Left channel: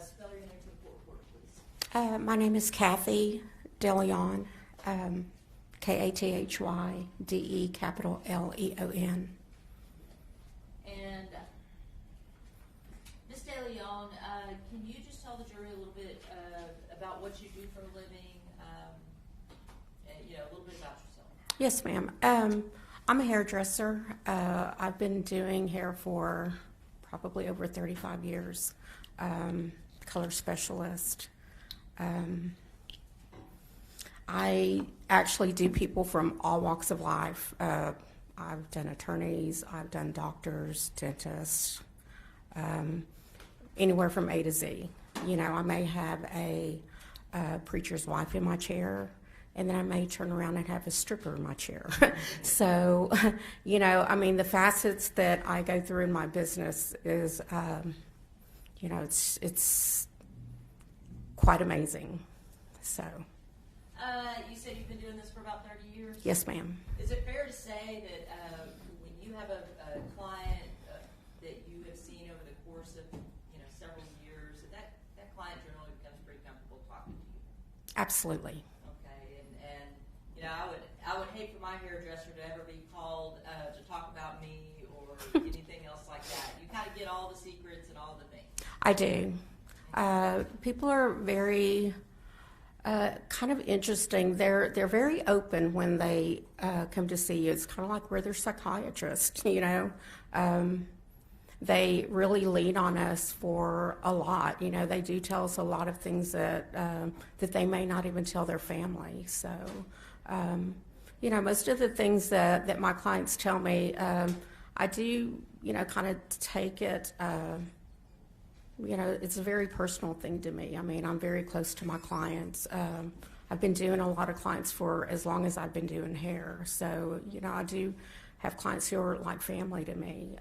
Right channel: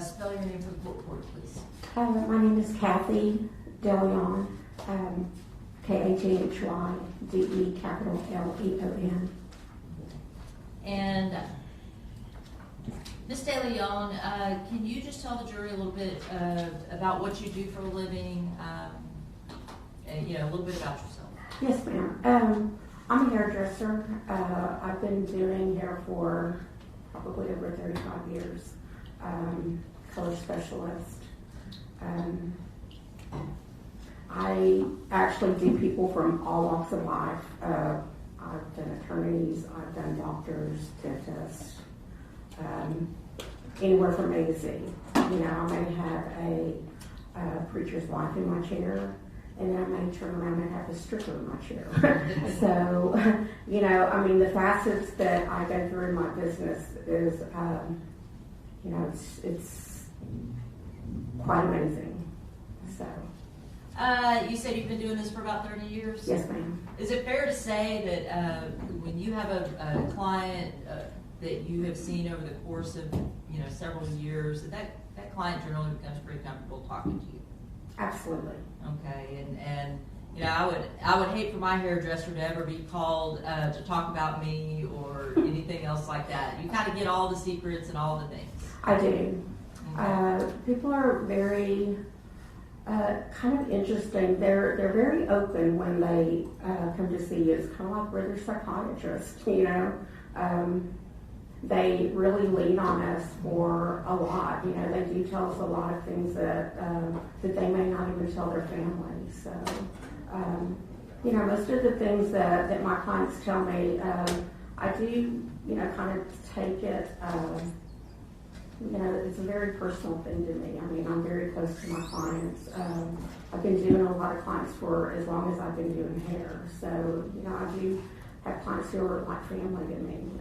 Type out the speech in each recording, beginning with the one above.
spell your name for the court reporter, please. My name is Kathy DeLeon, Kathyde, capital Leon. And Ms. DeLeon, can you just tell the jury a little bit about what you do for a living, and, a little bit about yourself? Yes, ma'am. I'm a hairdresser. I've been doing hair for probably over 35 years. Color specialist. I actually do people from all walks of life. I've done attorneys, I've done doctors, dentists, anywhere from A to Z. I may have a preacher's wife in my chair, and then I may turn around and have a stripper in my chair. So, the facets that I go through in my business is, it's quite amazing. So. You said you've been doing this for about 30 years? Yes, ma'am. Is it fair to say that when you have a client that you have seen over the course of several years, that client generally becomes pretty comfortable talking to you? Absolutely. Okay, and I would hate for my hairdresser to ever be called to talk about me or anything else like that. You kind of get all the secrets and all the things. I do. People are very kind of interesting. They're very open when they come to see you. It's kind of like we're their psychiatrist, They really lean on us for a lot. They do tell us a lot of things that they may not even tell their family. So, most of the things that my clients tell me, I do, kind of take it. It's a very personal thing to me. I'm very close to my clients. I've been doing a lot of clients for as long as I've been doing hair. So, I do have clients who are like family to me.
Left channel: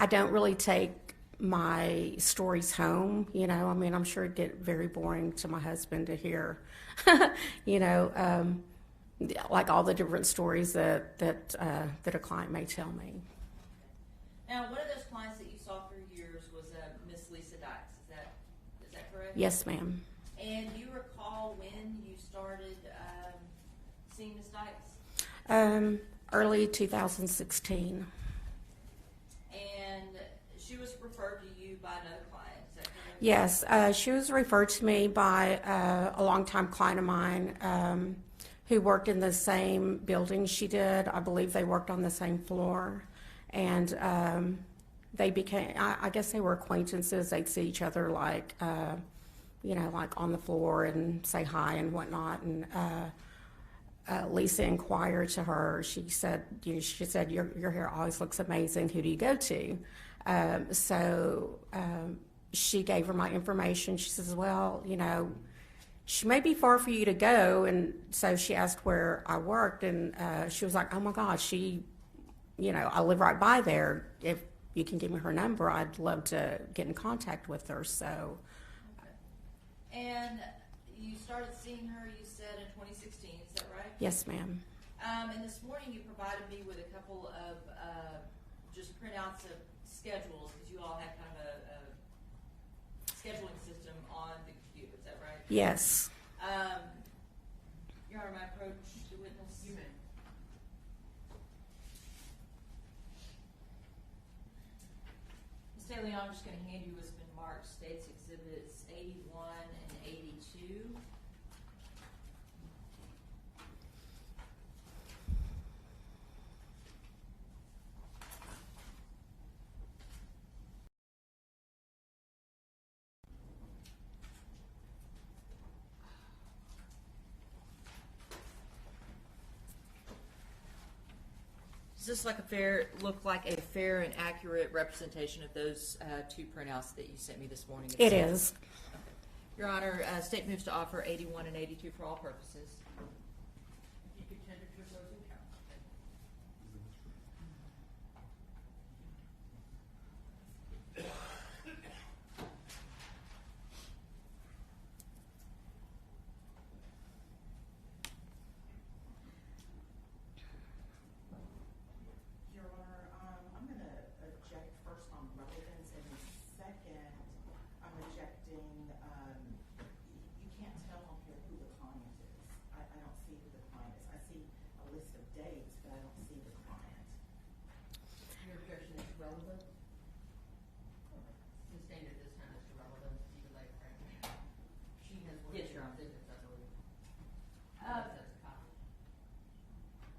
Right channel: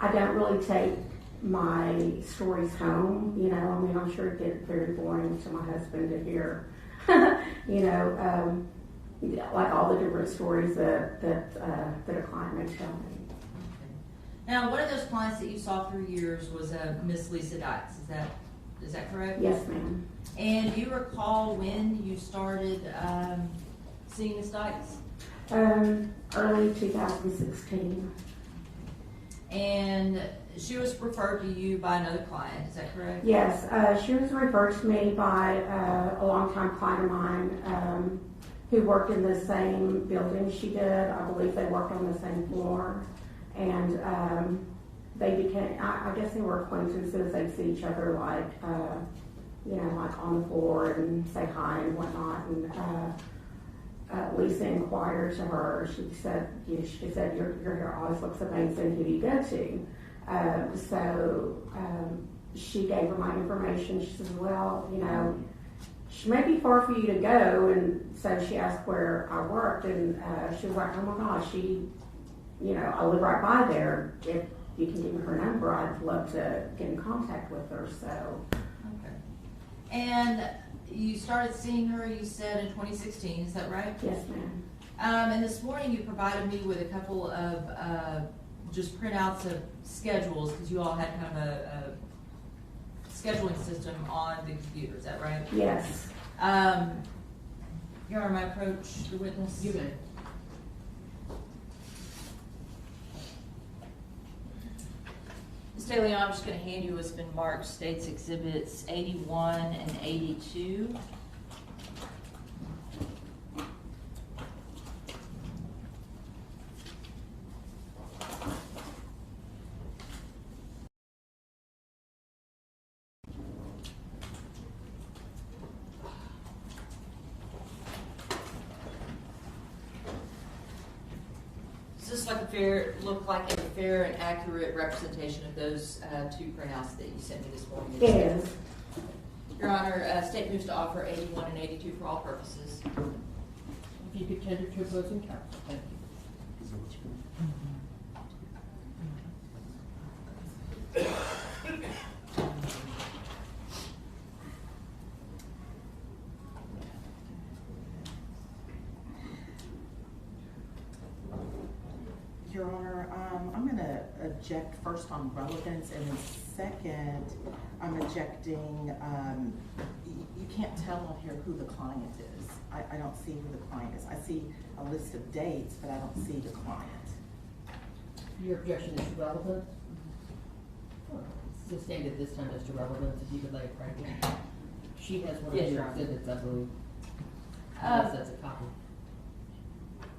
I don't really take my stories home. I'm sure it'd get very boring to my husband to hear, like all the different stories that a client may tell me. Now, one of those clients that you saw through years was Miss Lisa Dykes. Is that correct? Yes, ma'am. And do you recall when you started seeing Miss Dykes? Early 2016. And she was referred to you by another client. Is that correct? Yes, she was referred to me by a longtime client of mine who worked in the same building she did. I believe they worked on the same floor. And they became, I guess they were acquaintances. They'd see each other like on the floor and say hi and whatnot. And Lisa inquired to her. She said, your hair always looks amazing. Who do you go to? So she gave her my information. She says, well, she may be far for you to go. And so she asked where I worked, and she was like, oh my gosh, I live right by there. If you can give me her number, I'd love to get in contact with her. So, okay. And you started seeing her, you said, in 2016. Is that right? Yes, ma'am. And this morning you provided me with a couple of just printouts of schedules, because you all had kind of a scheduling system on the computer. Is that right? Yes. Your Honor, may I approach the witness? You may. Ms. DeLeon, I'm just going to hand you what's been marked States Exhibits 81 and 82. Does this look like a fair and accurate representation of those two printouts that you sent me this morning? It is. Your Honor, state moves to offer 81 and 82 for all purposes. If you could tender to opposing counsel. Thank you. Your Honor, I'm going to object first on relevance, and then second, I'm objecting, you can't tell on here who the client is. I don't see who the client is. I see a list of dates, but I don't see the client. Your objection is relevant? It's stated this time as to relevance, if you could lay it right here. She has one of Yes, your Your Honor. exhibits, I believe. Unless that's a copy.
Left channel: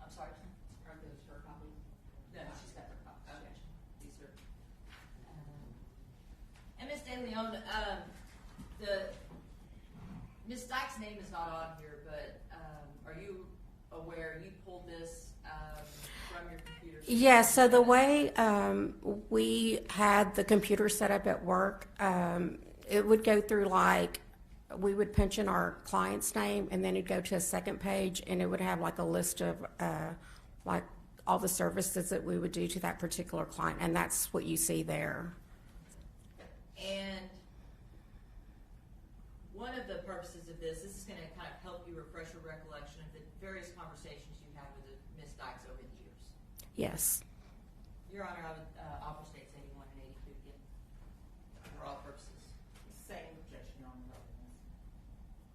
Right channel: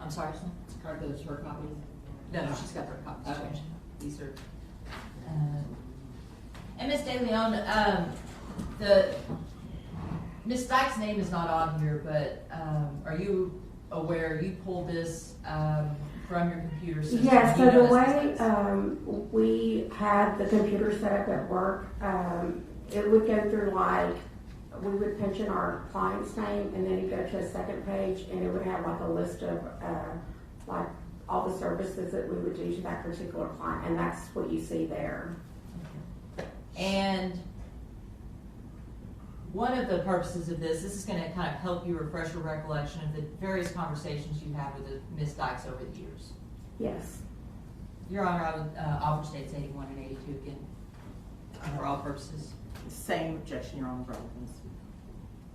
I'm sorry, sir? Are those her copies? No, she's got her copies. Okay. These are, and Ms. De Leon, the, Ms. Dykes' name is not on here, but, are you aware, you pulled this, from your computer system? Yeah, so the way we had the computer set up at work, it would go through like, we would punch in our client's name, and then it'd go to a second page, and it would have like a list of like all the services that we would do to that particular client, and that's what you see there. And one of the purposes of this is going to kind of help you refresh your recollection of the various conversations you had with Ms. Dykes over the years. Yes. Your Honor, I would offer states 81 and 82 again, for all purposes. Same objection, Your Honor, relevance.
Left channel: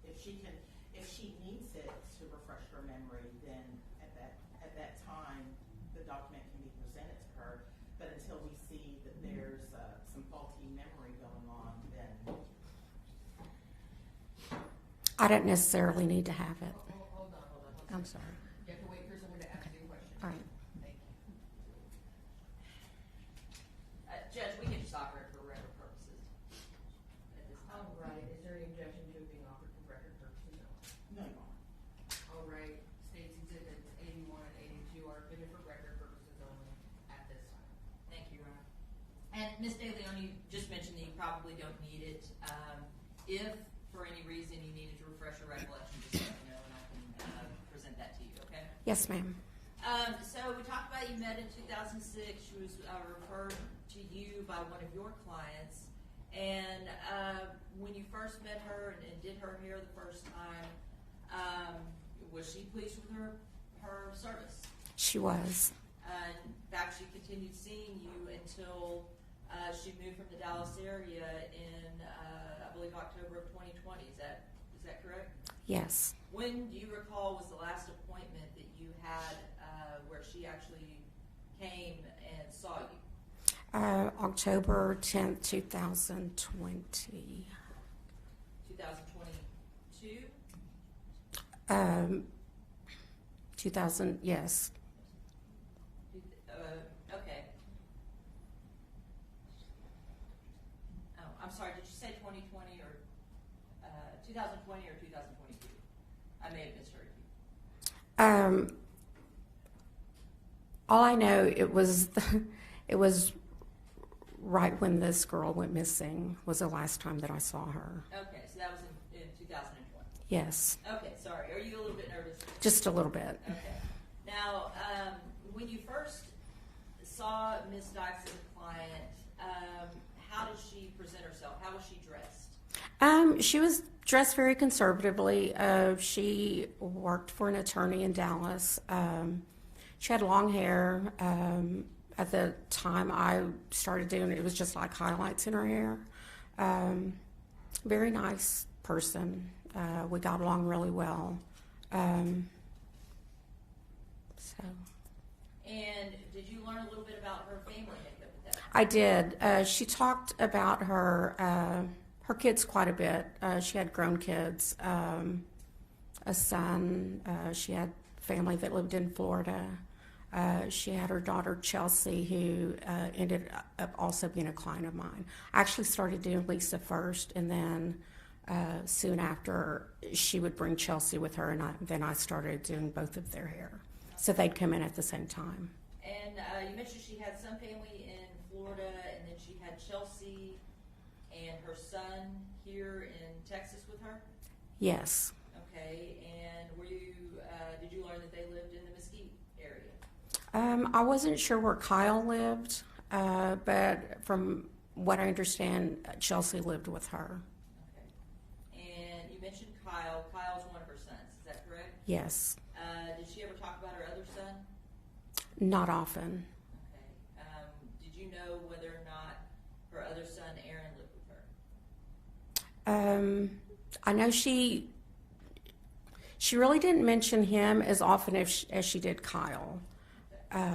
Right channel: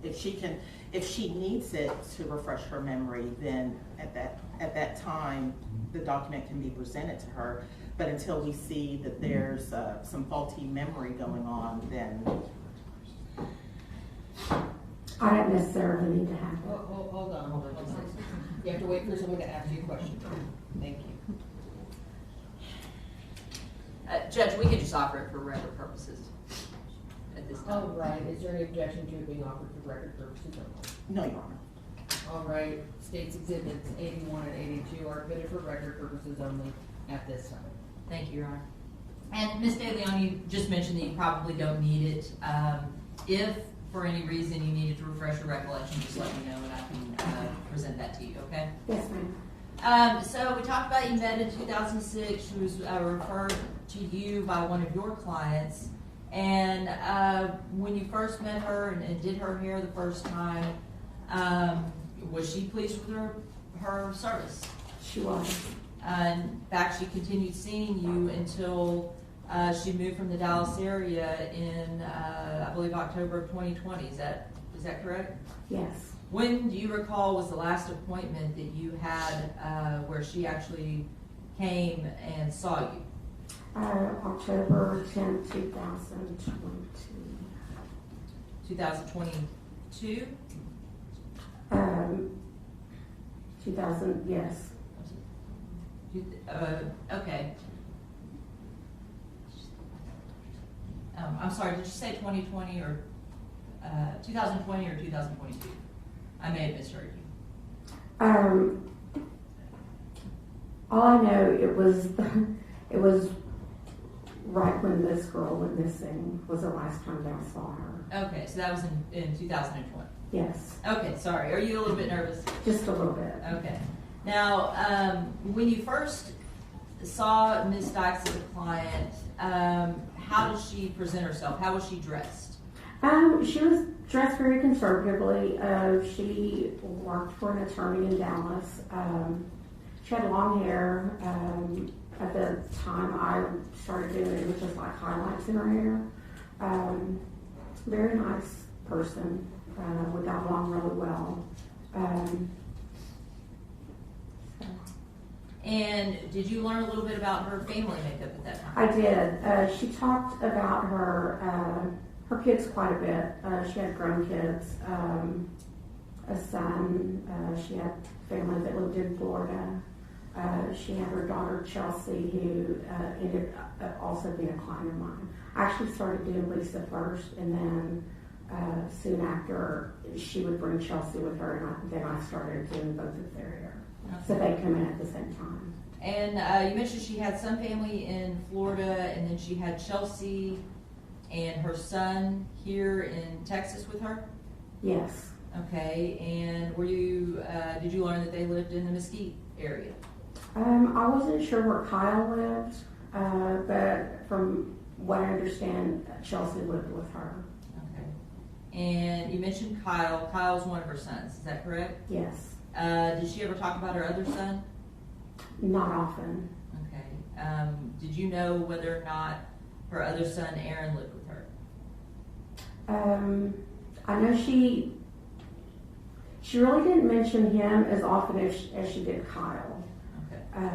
If she needs it to refresh her memory, then at that time, the document can be presented to her. But until we see that there's some faulty memory going on, then I don't necessarily need to have it. Hold on. You have to wait for someone to ask you a question. Thank you. Judge, we can just offer it for record purposes at this time. All right, is there any objection to it being offered for record purposes only? no, Your Honor. All right, states exhibits 81 and 82 are admitted for record purposes only at this time. Thank you, Your Honor. And Ms. De Leon, you just mentioned that you probably don't need it. If for any reason you needed to refresh your recollection, just let me know and I can present that to you, okay? Yes, ma'am. So we talked about you met in 2006. She was referred to you by one of your clients. And when you first met her and did her hair the first time, was she pleased with her service? She was. In fact, she continued seeing you until she moved from the Dallas area in, I believe, October of 2020. Is that correct? Yes. When do you recall was the last appointment that you had where she actually came and saw you? October 10th, 2020. 2022? 2000, yes. Okay. I'm sorry, did you say 2020 or 2020 or 2022? I may have misheard you. All I know, it was right when this girl went missing was the last time that I saw her. Okay, so that was in 2020. Yes. Okay, sorry. Are you a little bit nervous? Just a little bit. Okay. Now, when you first saw Ms. Dykes as a client, how did she present herself? How was she dressed? She was dressed very conservatively. She worked for an attorney in Dallas. She had long hair. At the time I started doing it, it was just like highlights in her hair. Very nice person. We got along really well. And did you learn a little bit about her family makeup at that time? I did. She talked about her kids quite a bit. She had grown kids, a son. She had family that lived in Florida. She had her daughter Chelsea, who ended up also being a client of mine. I actually started doing Lisa first, and then soon after she would bring Chelsea with her, and then I started doing both of their hair. Okay. So they'd come in at the same time. And you mentioned she had some family in Florida, and then she had Chelsea and her son here in Texas with her? Yes. Okay, and were you, did you learn that they lived in the Mesquite area? I wasn't sure where Kyle lived, but from what I understand, Chelsea lived with her. Okay. And you mentioned Kyle. Kyle's one of her sons, is that correct? Yes. Did she ever talk about her other son? Not often. Okay. Did you know whether or not her other son, Aaron, lived with her? I know she really didn't mention him as often as she did Kyle. Okay.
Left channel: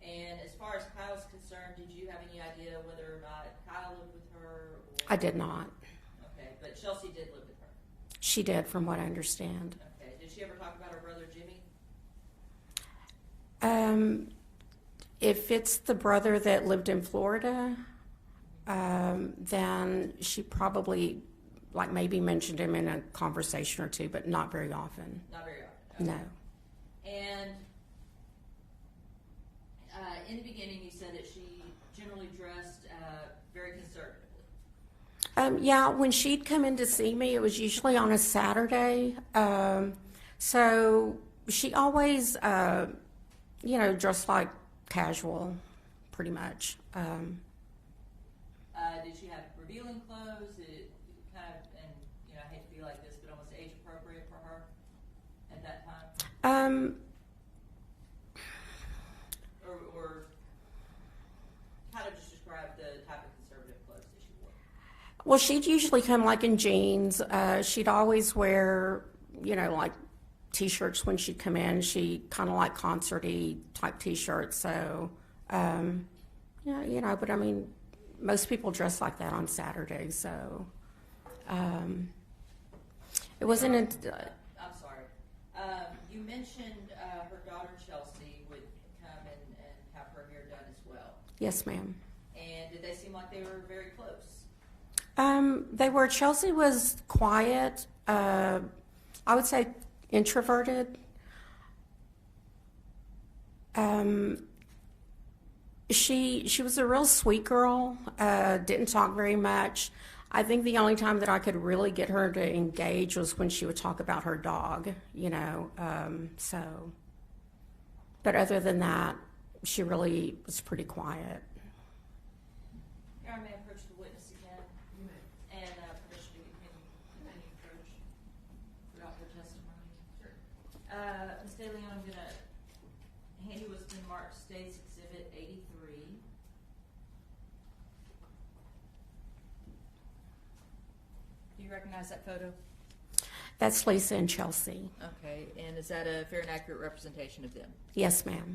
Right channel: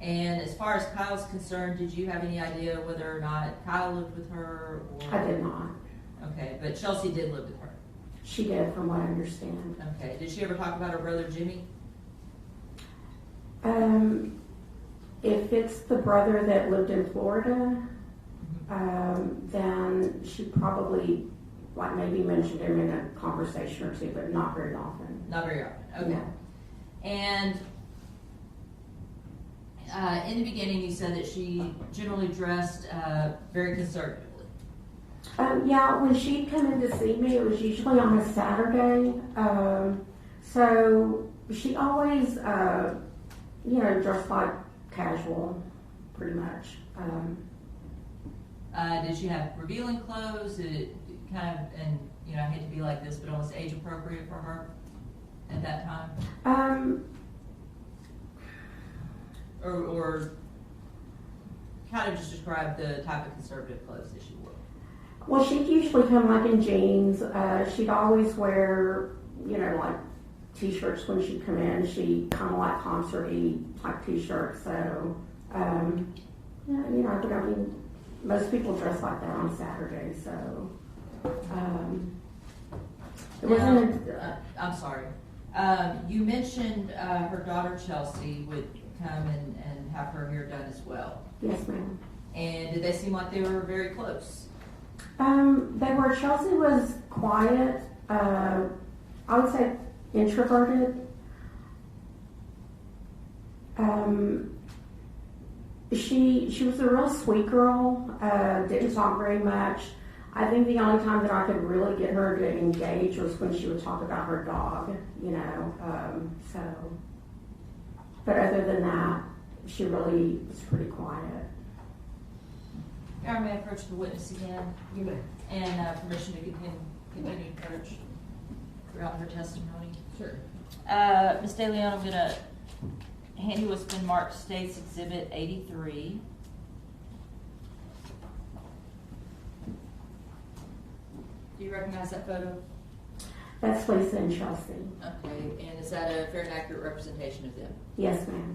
And as far as Kyle's concerned, did you have any idea whether or not Kyle lived with her? Or... I did not. Okay, but Chelsea did live with her. She did, from what I understand. Okay, did she ever talk about her brother Jimmy? If it's the brother that lived in Florida, then she probably, like, maybe mentioned him in a conversation or two, but not very often. Not very often, okay. No. And in the beginning, you said that she generally dressed very conservatively. Yeah, when she'd come in to see me, it was usually on a Saturday. So she always, dressed like casual, pretty much. Did she have revealing clothes? Did it kind of, and I hate to be like this, but almost age appropriate for her at that time? Or kind of just describe the type of conservative clothes that she wore. Well, she'd usually come like in jeans. She'd always wear, like t-shirts when she'd come in. She kind of like concert-y type t-shirts. So, but I mean, most people dress like that on Saturday. So, it wasn't. I'm sorry. You mentioned her daughter Chelsea would come and have her hair done as well. Yes, ma'am. And did they seem like they were very close? They were. Chelsea was quiet. I would say introverted. She was a real sweet girl. Didn't talk very much. I think the only time that I could really get her to engage was when she would talk about her dog. So. But other than that, she really was pretty quiet. Aaron, may I approach the witness again? You may. And permission to continue to approach throughout her testimony. Sure. Ms. De Leon, I'm going to hand you what's been marked State's Exhibit 83. Do you recognize that photo? That's Lisa and Chelsea. Okay, and is that a fair and accurate representation of them? Yes, ma'am.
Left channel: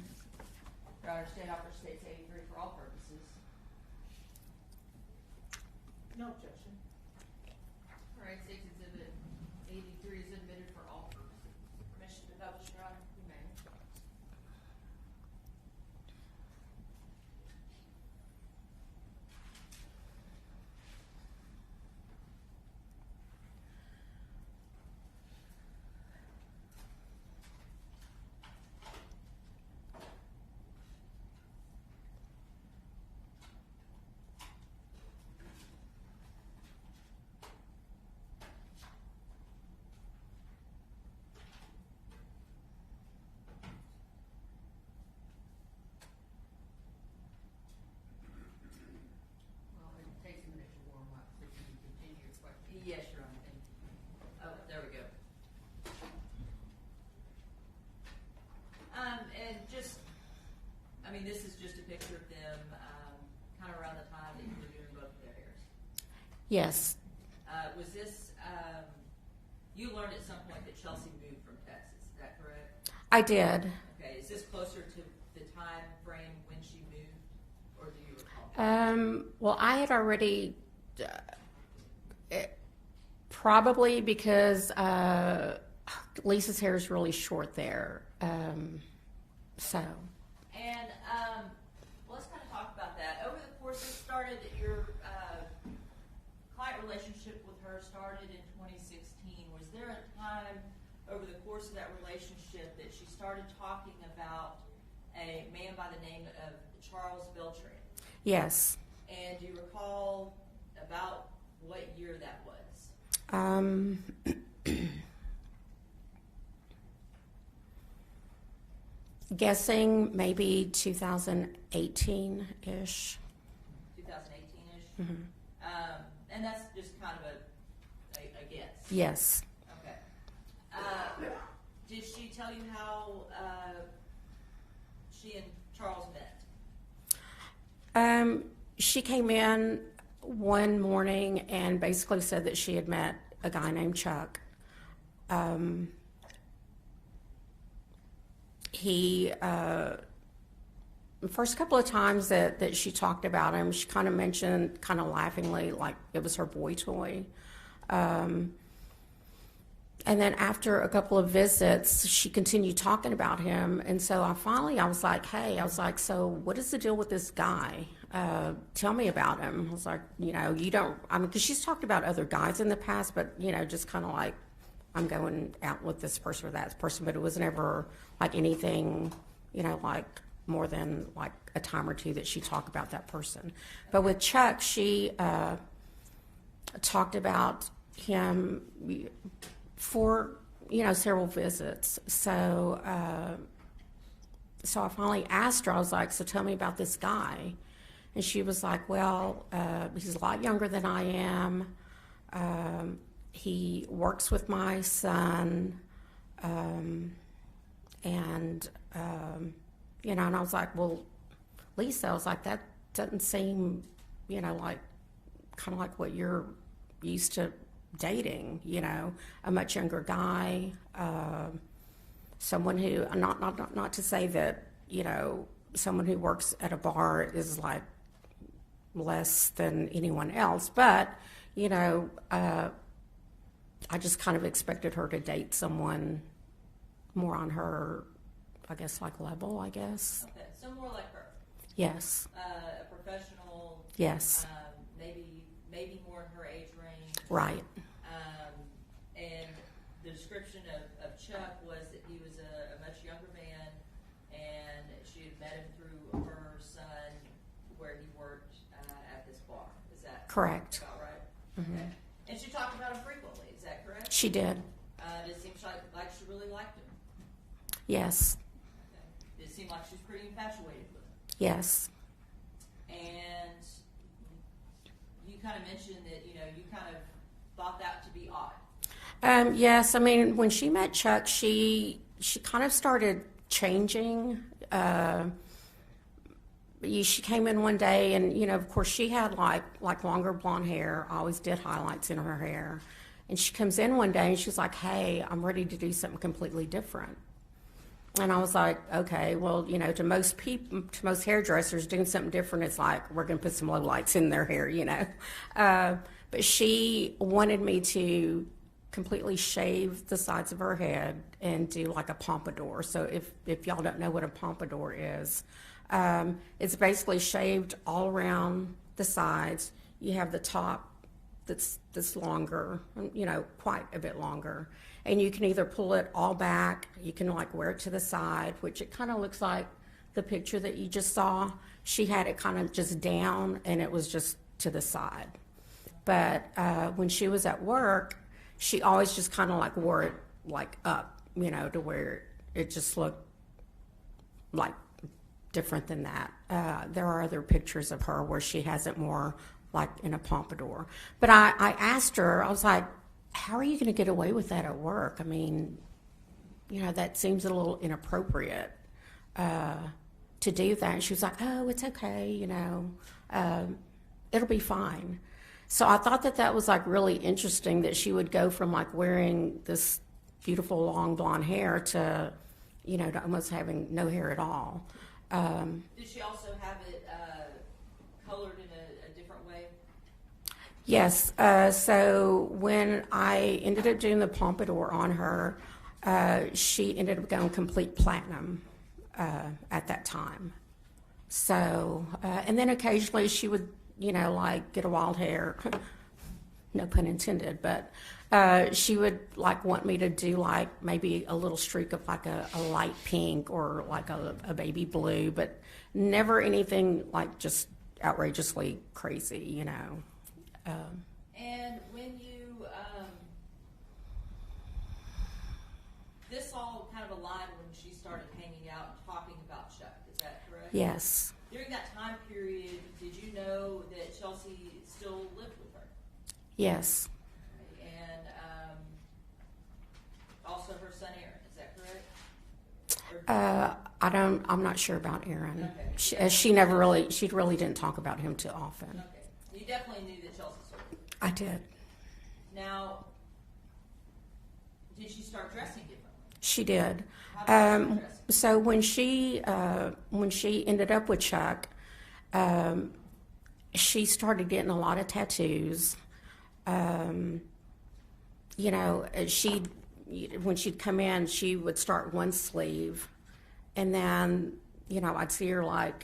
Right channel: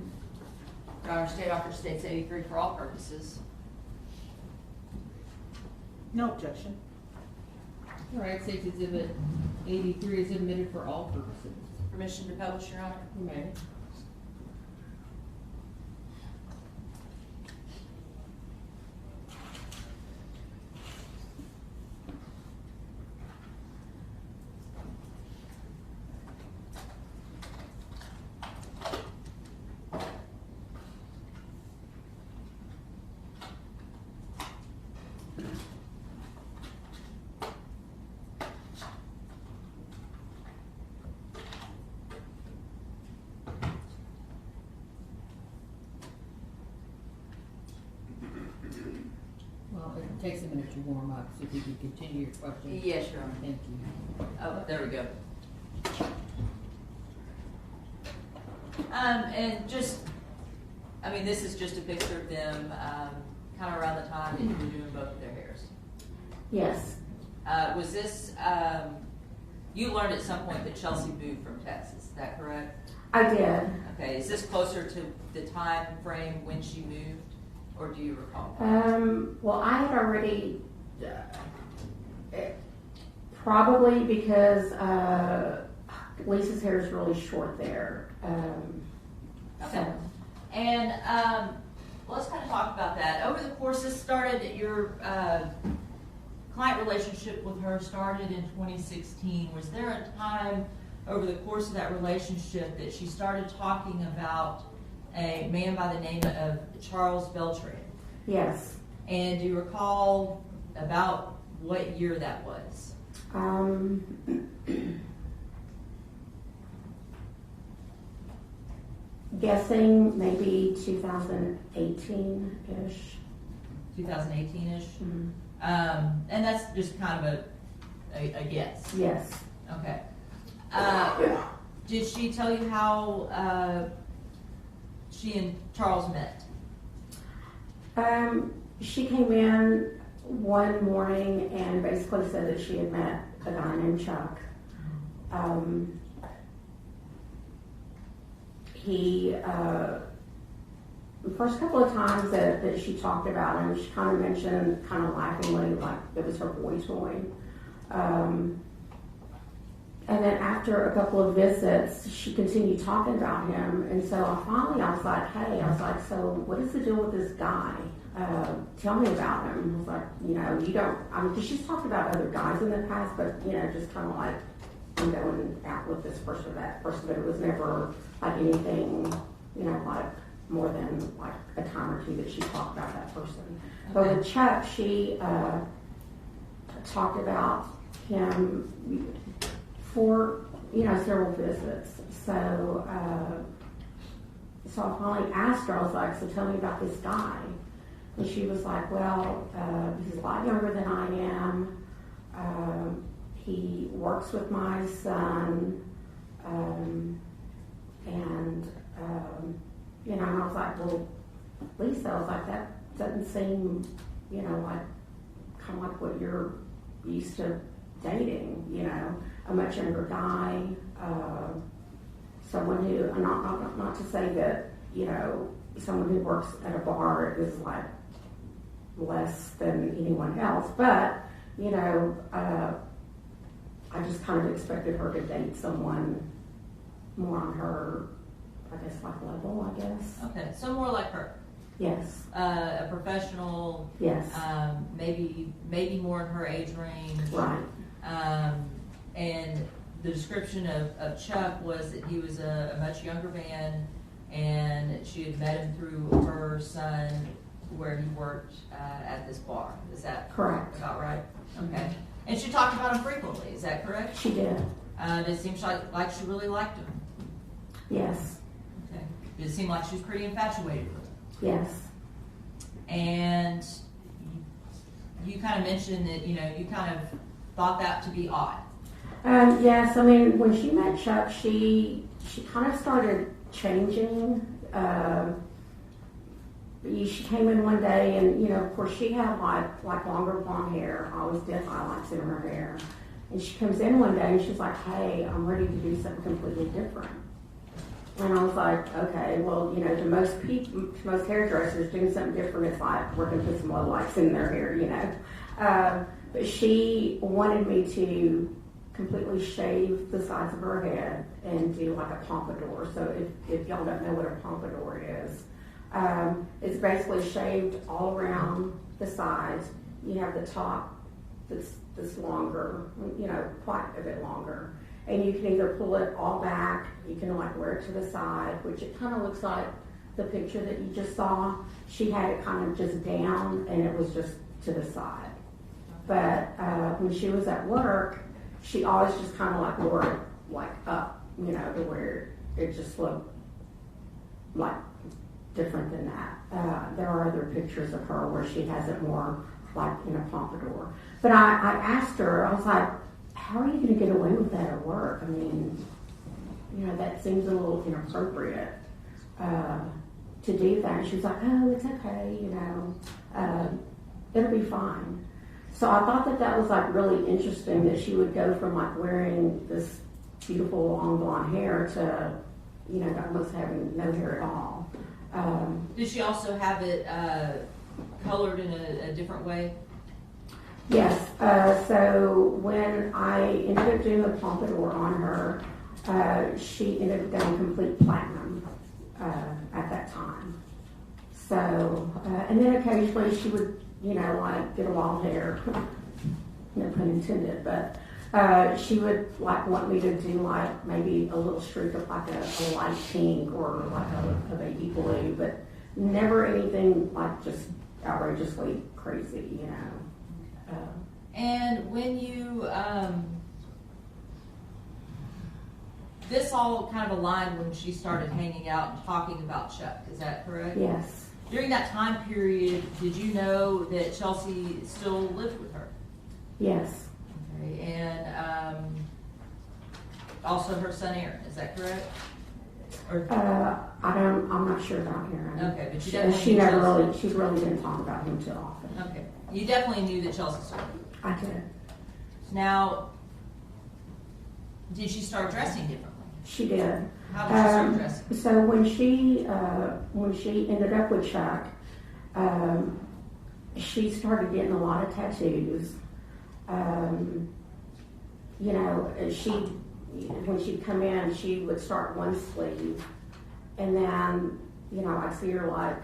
Your Honor, State offers State's 83 for all purposes. No objection. All right, State's Exhibit 83 is admitted for all purposes. Permission to publish, Your Honor? You may. It takes a minute to warm up, so if you could continue your question. Yes, Your Honor. Thank you. Oh, there we go. And just, this is just a picture of them kind of around the time that you were doing both of their hairs. Yes. Was this, you learned at some point that Chelsea moved from Texas, is that correct? I did. Okay, is this closer to the time frame when she moved, or do you recall? Well, I had already, probably because Lisa's hair is really short there. So. And let's kind of talk about that. Over the course, this started, your client relationship with her started in 2016. Was there a time over the course of that relationship that she started talking about a man by the name of Charles Beltran? Yes. And do you recall about what year that was? Guessing maybe 2018-ish. 2018-ish? Mm-hmm. And that's just kind of a guess? Yes. Okay. Did she tell you how she and Charles met? She came in one morning and basically said that she had met a guy named Chuck. The first couple of times that she talked about him, she kind of mentioned, kind of laughingly, like it was her boy toy. And then after a couple of visits, she continued talking about him. And so I was like, hey, so what is the deal with this guy? Tell me about him. I was like, you don't, because she's talked about other guys in the past, but, just kind of like, I'm going out with this person or that person, but it was never like anything, like more than like a time or two that she talked about that person. But with Chuck, she talked about him for several visits. So I finally asked her, I was like, so tell me about this guy. And she was like, well, he's a lot younger than I am. He works with my son. And I was like, well, Lisa, I was like, that doesn't seem, like kind of like what you're used to dating, a much younger guy, someone who, not to say that, someone who works at a bar is like less than anyone else, but, I just kind of expected her to date someone more on her, I guess, like level, I guess. Okay, so more like her. Yes. A professional. Yes. Maybe more in her age range. Right. And the description of Chuck was that he was a much younger man, and she had met him through her son where he worked at this bar. Is that correct? About right? Okay. And she talked about him frequently, is that correct? She did. It seems like she really liked him. Yes. Okay. Did it seem like she was pretty infatuated with him? Yes. And you kind of mentioned that, you kind of thought that to be odd. Yes, when she met Chuck, she kind of started changing. She came in one day and, of course she had like longer blonde hair. I always did highlights in her hair. And she comes in one day and she's like, hey, I'm ready to do something completely different. And I was like, okay, well, to most hairdressers, doing something different is like, we're going to put some low lights in their hair, But she wanted me to completely shave the sides of her head and do like a pompadour. So if y'all don't know what a pompadour is, it's basically shaved all around the sides. You have the top that's longer, quite a bit longer. And you can either pull it all back, you can like wear it to the side, which it kind of looks like the picture that you just saw. She had it kind of just down and it was just to the side. But when she was at work, she always just kind of like wore it like up, to where it just looked like different than that. There are other pictures of her where she has it more like in a pompadour. But I asked her, I was like, how are you going to get away with that at work? That seems a little inappropriate to do that. And she was like, oh, it's okay, it'll be fine. So I thought that was like really interesting that she would go from like wearing this beautiful long blonde hair to, to almost having no hair at all. Did she also have it colored in a different way? Yes. So when I ended up doing the pompadour on her, she ended up going complete platinum at that time. So, and then occasionally she would, like get a wild hair, no pun intended, but she would like want me to do like maybe a little streak of like a light pink or like a baby blue, but never anything like just outrageously crazy, And when you, this all kind of aligned when she started hanging out and talking about Chuck, is that correct? Yes. During that time period, did you know that Chelsea still lived with her? Yes. Okay, and also her son Aaron, is that correct? Or, I'm not sure about Aaron. Okay, but She, you definitely she knew never Chelsea. really, she really didn't talk about him too often. Okay, you definitely knew that Chelsea sold it. I did. Now, did she start dressing differently? She did. How did she start dressing? So when she ended up with Chuck, she started getting a lot of tattoos. You know, when she'd come in, she would start one sleeve, and then, you know, I'd see her like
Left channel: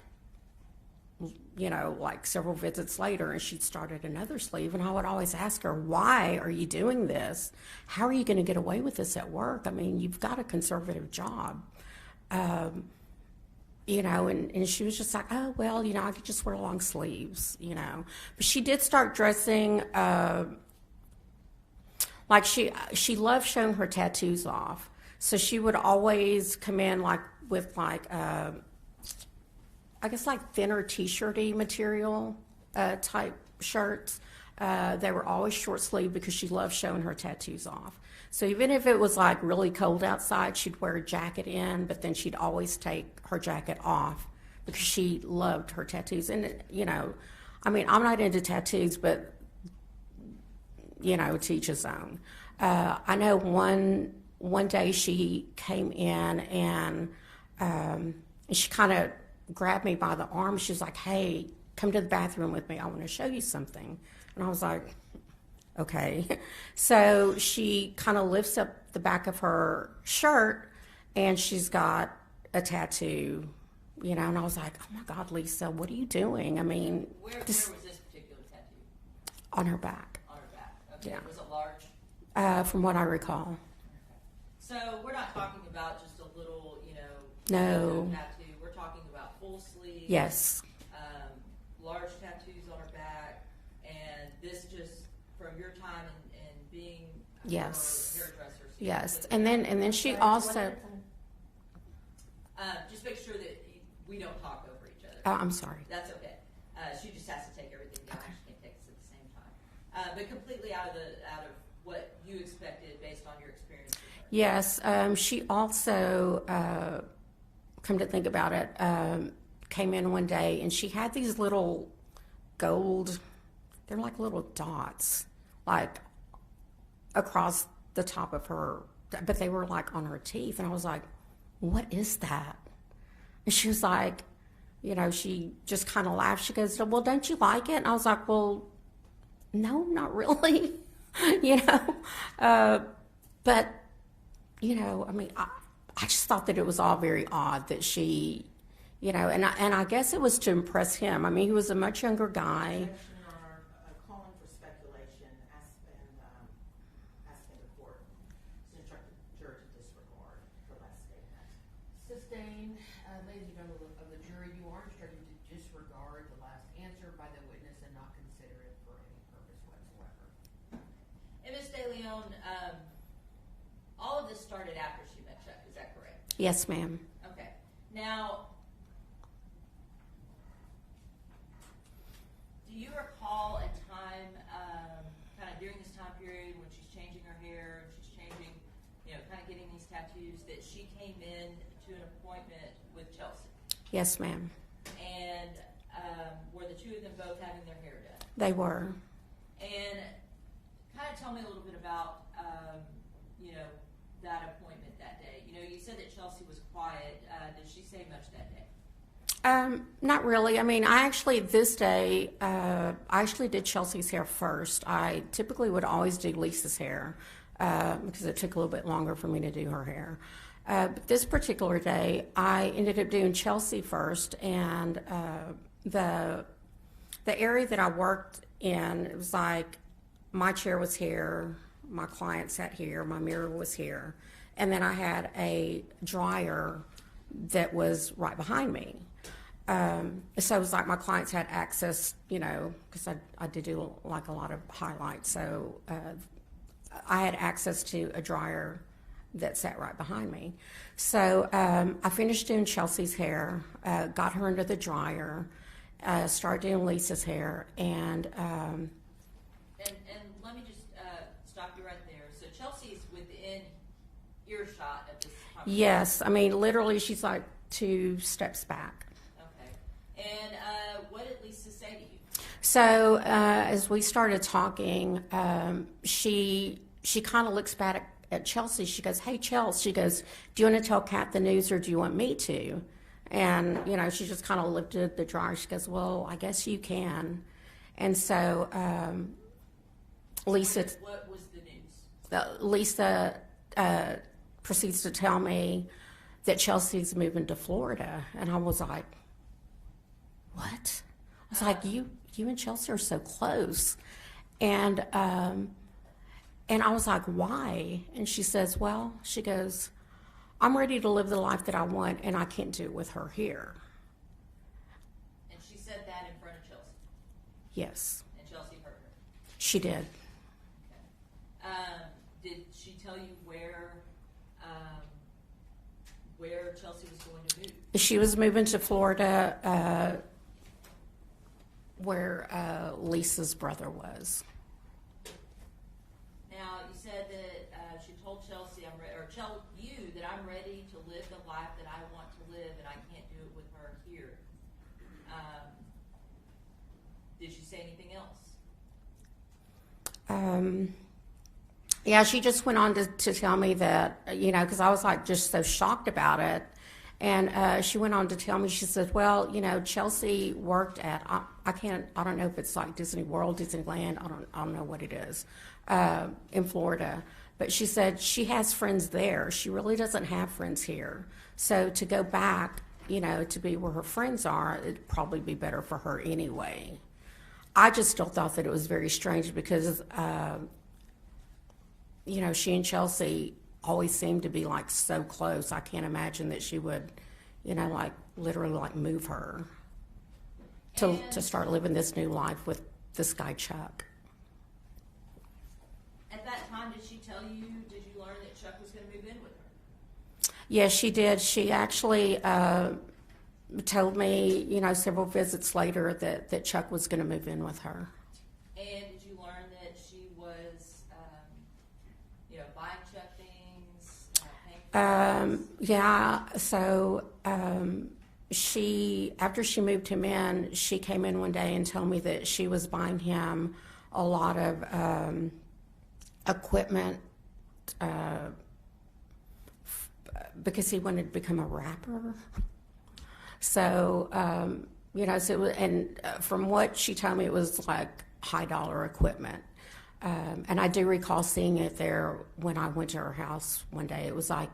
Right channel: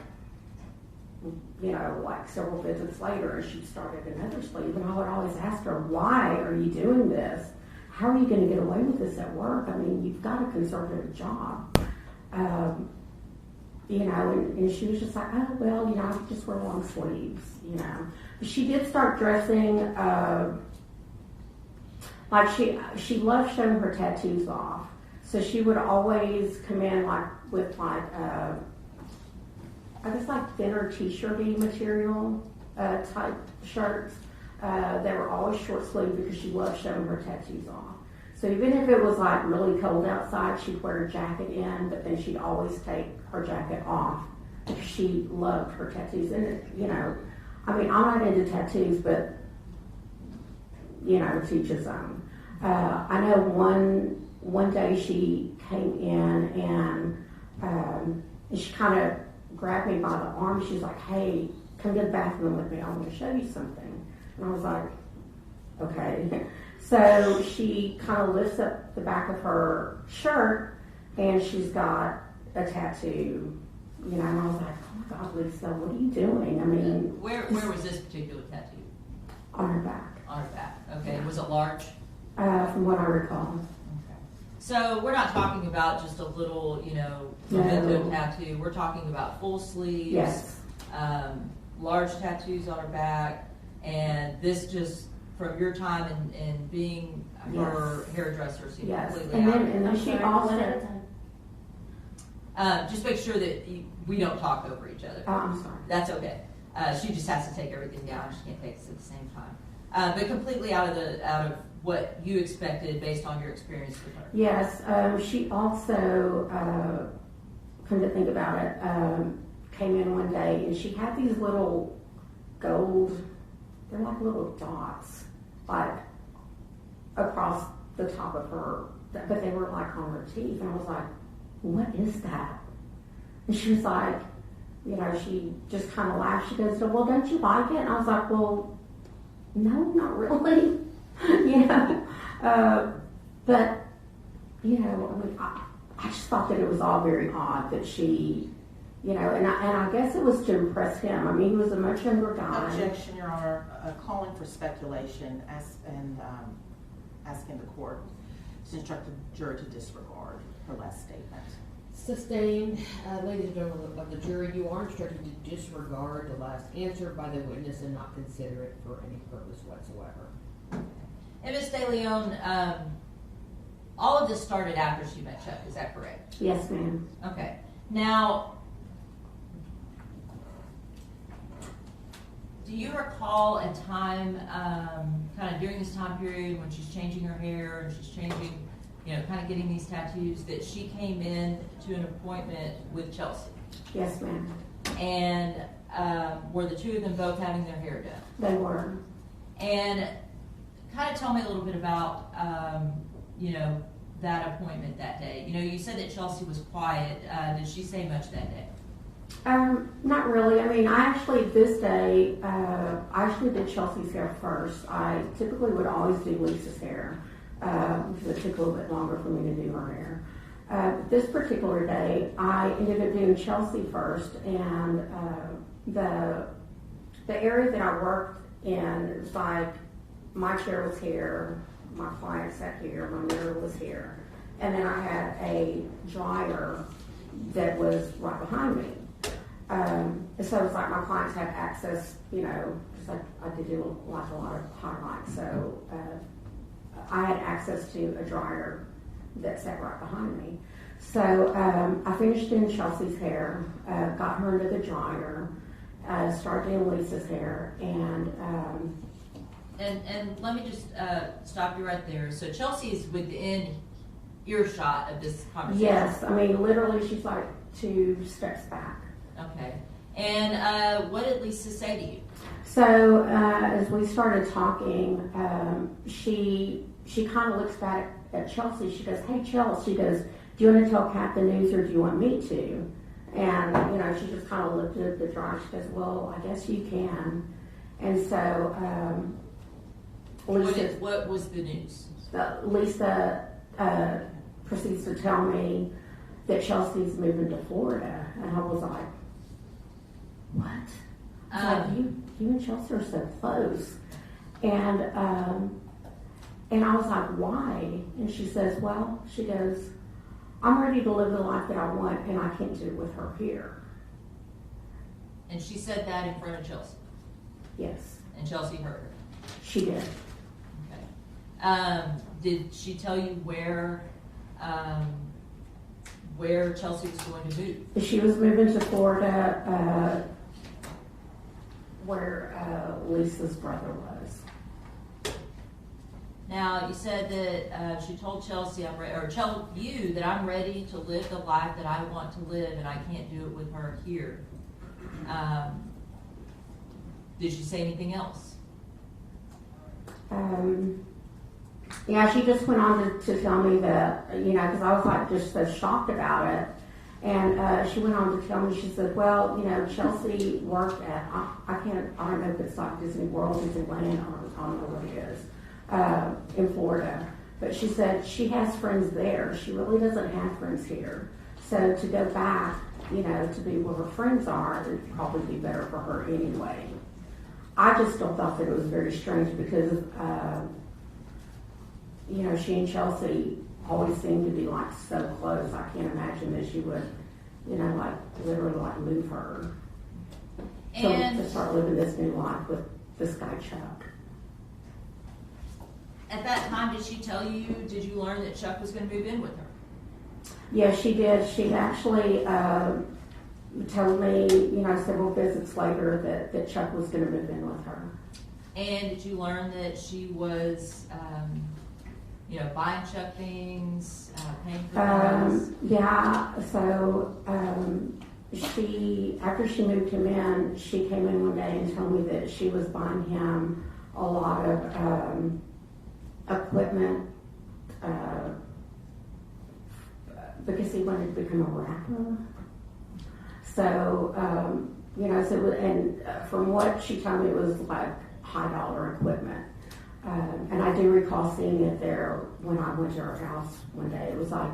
several visits later, and she'd started another sleeve, and I would always ask her, why are you doing this? How are you going to get away with this at work? I mean, you've got a conservative job. You know, and she was just like, oh, well, you know, I could just wear long sleeves, you know. But she did start dressing, like she loved showing her tattoos off. So she would always come in like with like, I guess like thinner t-shirty material type shirts. They were always short sleeve because she loved showing her tattoos off. So even if it was like really cold outside, she'd wear a jacket in, but then she'd always take her jacket off because she loved her tattoos. And, you know, I mean, I'm not into tattoos, but, you know, to each his own. I know one day she came in and she kind of grabbed me by the arm. She was like, hey, come to the bathroom with me. I want to show you something. And I was like, okay. So she kind of lifts up the back of her shirt, and she's got a tattoo, you know, and I was like, oh my God, Lisa, what are you doing? I mean, Where was this particular tattoo? on her back, On her back. Okay, Yeah. was it large? from what I recall. Okay. So we're not talking about just a little, you know, No. memento tattoo. We're talking about full sleeves. Yes, Large tattoos on her back, and this just from your time in being Yes. her hairdresser. So you yes, completely and then she also, just make sure that we don't talk over each other. oh, I'm sorry. That's okay. She just has to take everything down. She can't take us at the same time. But completely out of what you expected based on your experience with her. Yes, she also, come to think about it, came in one day and she had these little gold, they're like little dots, like across the top of her, but they were like on her teeth. And I was like, what is that? And she was like, you know, she just kind of laughed. She goes, well, don't you like it? And I was like, well, no, not really. You know, but, you know, I mean, I just thought that it was all very odd that she, you know, and I guess it was to impress him. I mean, he was a much younger guy. Objection, Your Honor, calling for speculation and asking the court to instruct the jury to disregard her last statement. Sustained. Ladies and gentlemen of the jury, you are instructed to disregard the last answer by the witness and not consider it for any purpose whatsoever. And Ms. De Leon, all of this started after she met Chuck, is that correct? Yes, ma'am. Okay. Now, do you recall a time, kind of during this time period when she's changing her hair and she's changing, you know, kind of getting these tattoos, that she came in to an appointment with Chelsea? Yes, ma'am. And were the two of them both having their hair done? They were. And kind of tell me a little bit about, you know, that appointment that day. You know, you said that Chelsea was quiet. Did she say much that day? Not really. I mean, this day, I actually did Chelsea's hair first. I typically would always do Lisa's hair because it took a little bit longer for me to do her hair. But this particular day, I ended up doing Chelsea first, and the area that I worked in, it was like my chair was here, my client sat here, my mirror was here, and then I had a dryer that was right behind me. So it was like my clients had access, you know, because I did do like a lot of highlights, so I had access to a dryer that sat right behind me. So I finished doing Chelsea's hair, got her into the dryer, started doing Lisa's hair, and let me just stop you right there. So Chelsea is within earshot of this conversation? Yes, I mean, literally, she's like 2 steps back. Okay. And what did Lisa say to you? So as we started talking, she kind of looks back at Chelsea. She goes, "Hey, Chelsea," she goes, "do you want to tell Kat the news or do you want me to?" And, you know, she just kind of looked at the dryer. She goes, "Well, I guess you can." And so Lisa... What was the news? Lisa proceeds to tell me that Chelsea's moving to Florida. And I was like, what? It's like, you and Chelsea are so close. And I was like, why? And she says, well, she goes, I'm ready to live the life that I want, and I can't do it with her here. And she said that in front of Chelsea? Yes. And Chelsea heard her? She did. Okay. Did she tell you where Chelsea was going to move? She was moving to Florida, where Lisa's brother was. Now, you said that she told Chelsea, you that I'm ready to live the life that I want to live, and I can't do it with her here. Did she say anything else? Yeah, she just went on to tell me that, you know, because I was like just so shocked about it. And she went on to tell me, she said, well, you know, Chelsea worked at, I don't know if it's like Disney World, Disneyland, I don't know what it is, in Florida. But she said she has friends there. She really doesn't have friends here. So to go back, you know, to be where her friends are, it'd probably be better for her anyway. I just still thought that it was very strange because, you know, she and Chelsea always seemed to be like so close. I can't imagine that she would, you know, like literally like move her to start living this new life with this guy Chuck. At that time, did you learn that Chuck was going to move in with her? Yes, she did. She actually told me, you know, several visits later that Chuck was going to move in with her. And did you learn that she was, you know, buying Chuck things, paying for things? Yeah, so after she moved him in, she came in one day and told me that she was buying him a lot of equipment because he wanted to become a rapper. So, you know, so it was, and from what she told me, it was like high dollar equipment. And I do recall seeing it there when I went to her house one day. It was like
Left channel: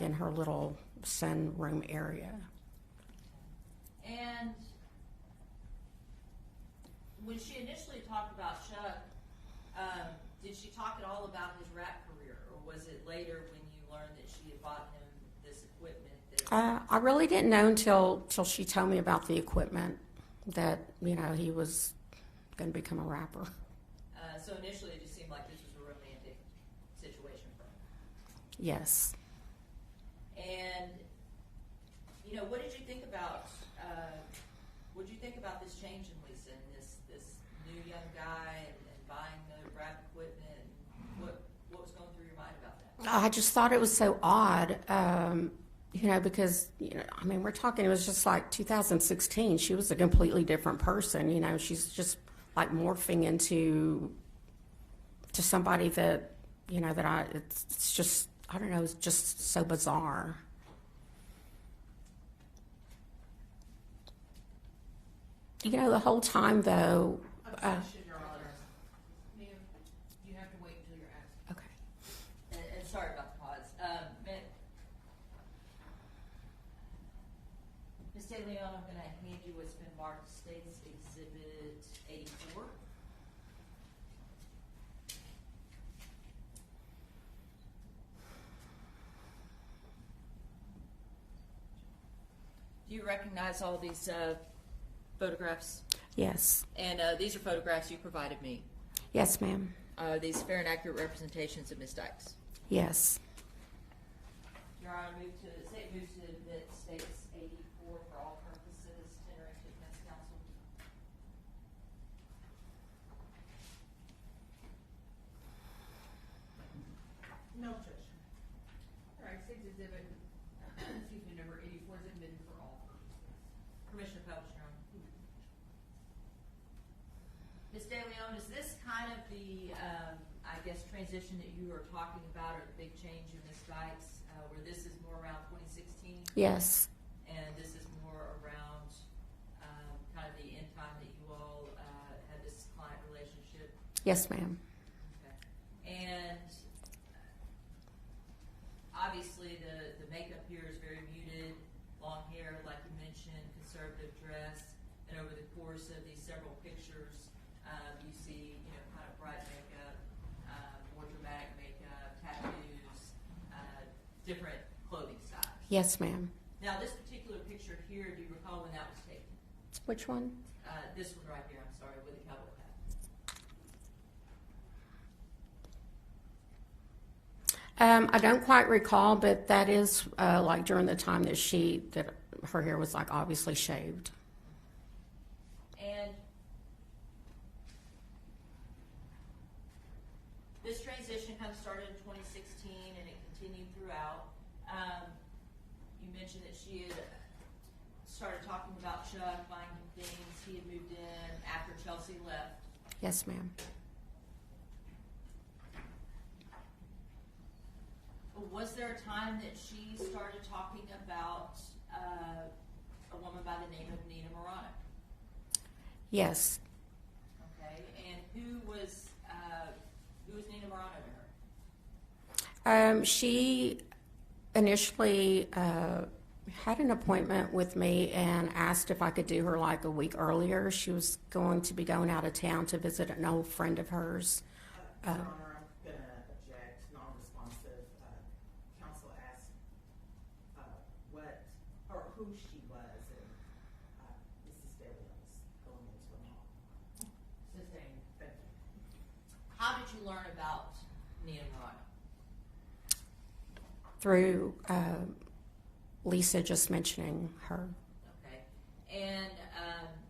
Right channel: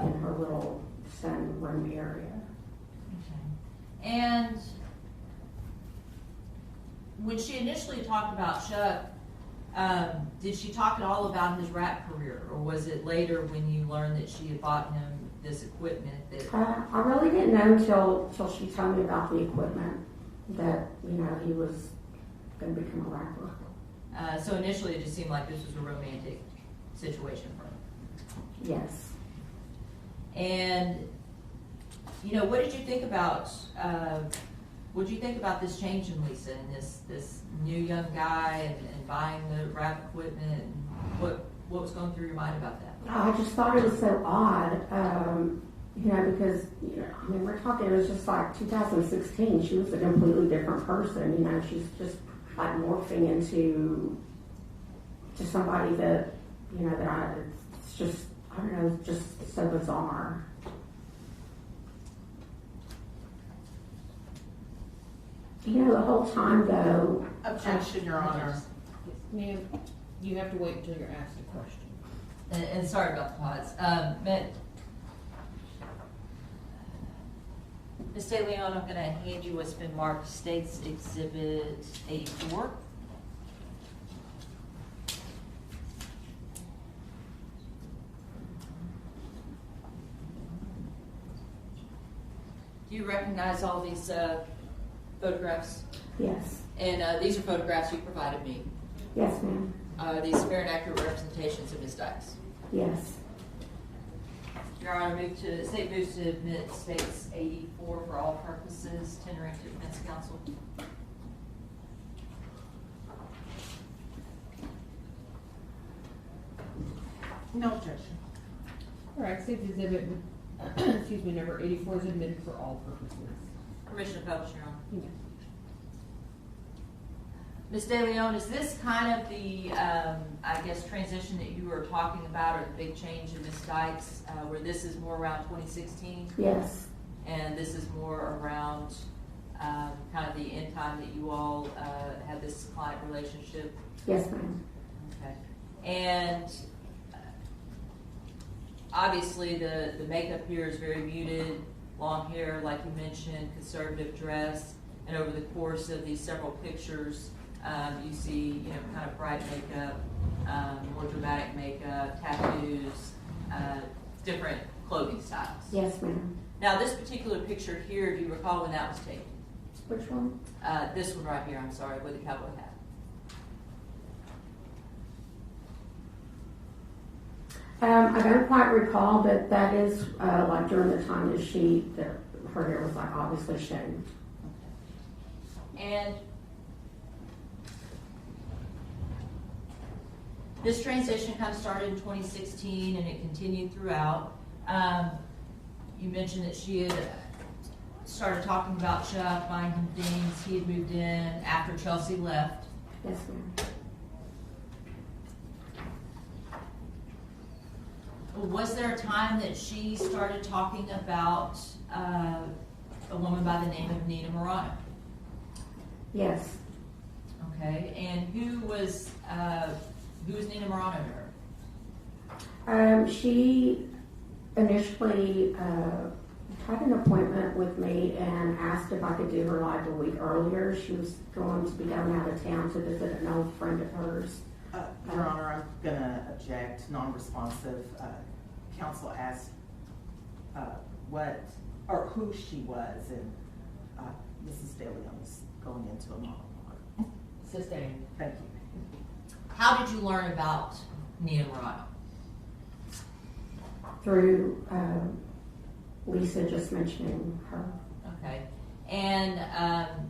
in her little sunroom area. Okay. And when she initially talked about Chuck, did she talk at all about his rap career, or was it later when you learned that she had bought him this equipment? I really didn't know until she told me about the equipment that, you know, he was going to become a rapper. So initially it just seemed like this was a romantic situation for her. Yes. And, you know, what did you think about this change in Lisa and this new young guy and buying the rap equipment? And what was going through your mind about that? I just thought it was so odd, you know, because, you know, I mean, we're talking, it was just like 2016. She was a completely different person, you know. She's just like morphing into somebody that, you know, that it's just, I don't know, it's just so bizarre. You know, the whole time though. Objection, Your Honor. Ma'am, you have to wait until you're asked a question. And sorry about the pause. Ms. De Leon, I'm going to hand you what's been marked State's Exhibit 84. Do you recognize all these photographs? Yes. And these are photographs you provided me. Yes, ma'am. These fair and accurate representations of Ms. Dykes. Yes. Your Honor, State moves to admit States 84 for all purposes, tendering to defense counsel. No objection. Correct, six exhibit, excuse me, number 84 is admitted for all purposes. Commissioner Phelps, you're on. Yes. Ms. De Leon, is this kind of the, I guess, transition that you were talking about, or the big change in Ms. Dykes, where this is more around 2016? Yes, And this is more around kind of the end time that you all had this client relationship? yes, ma'am. Okay. And obviously the makeup here is very muted, long hair, like you mentioned, conservative dress, and over the course of these several pictures, you see, you know, kind of bright makeup, more dramatic makeup, tattoos, different clothing styles. Yes, ma'am. Now, this particular picture here, do you recall when that was taken? Which one? This one right here, I'm sorry, with the cowboy hat. I don't quite recall, but that is like during the time that her hair was like obviously shaved. And this transition kind of started in 2016 and it continued throughout. You mentioned that she had started talking about Chuck, buying him things. He had moved in after Chelsea left. Yes, ma'am. Was there a time that she started talking about a woman by the name of Nina Morano? Yes. Okay, and who was Nina Morano to her? She initially had an appointment with me and asked if I could do her like a week earlier. She was going to be going out of town to visit an old friend of hers. Your Honor, I'm gonna object, non-responsive. Counsel asked what, or who she was, and Mrs. De Leon was going into a monologue. Sustained. Thank you. How did you learn about Nina Morano? Through Lisa just mentioning her. Okay, and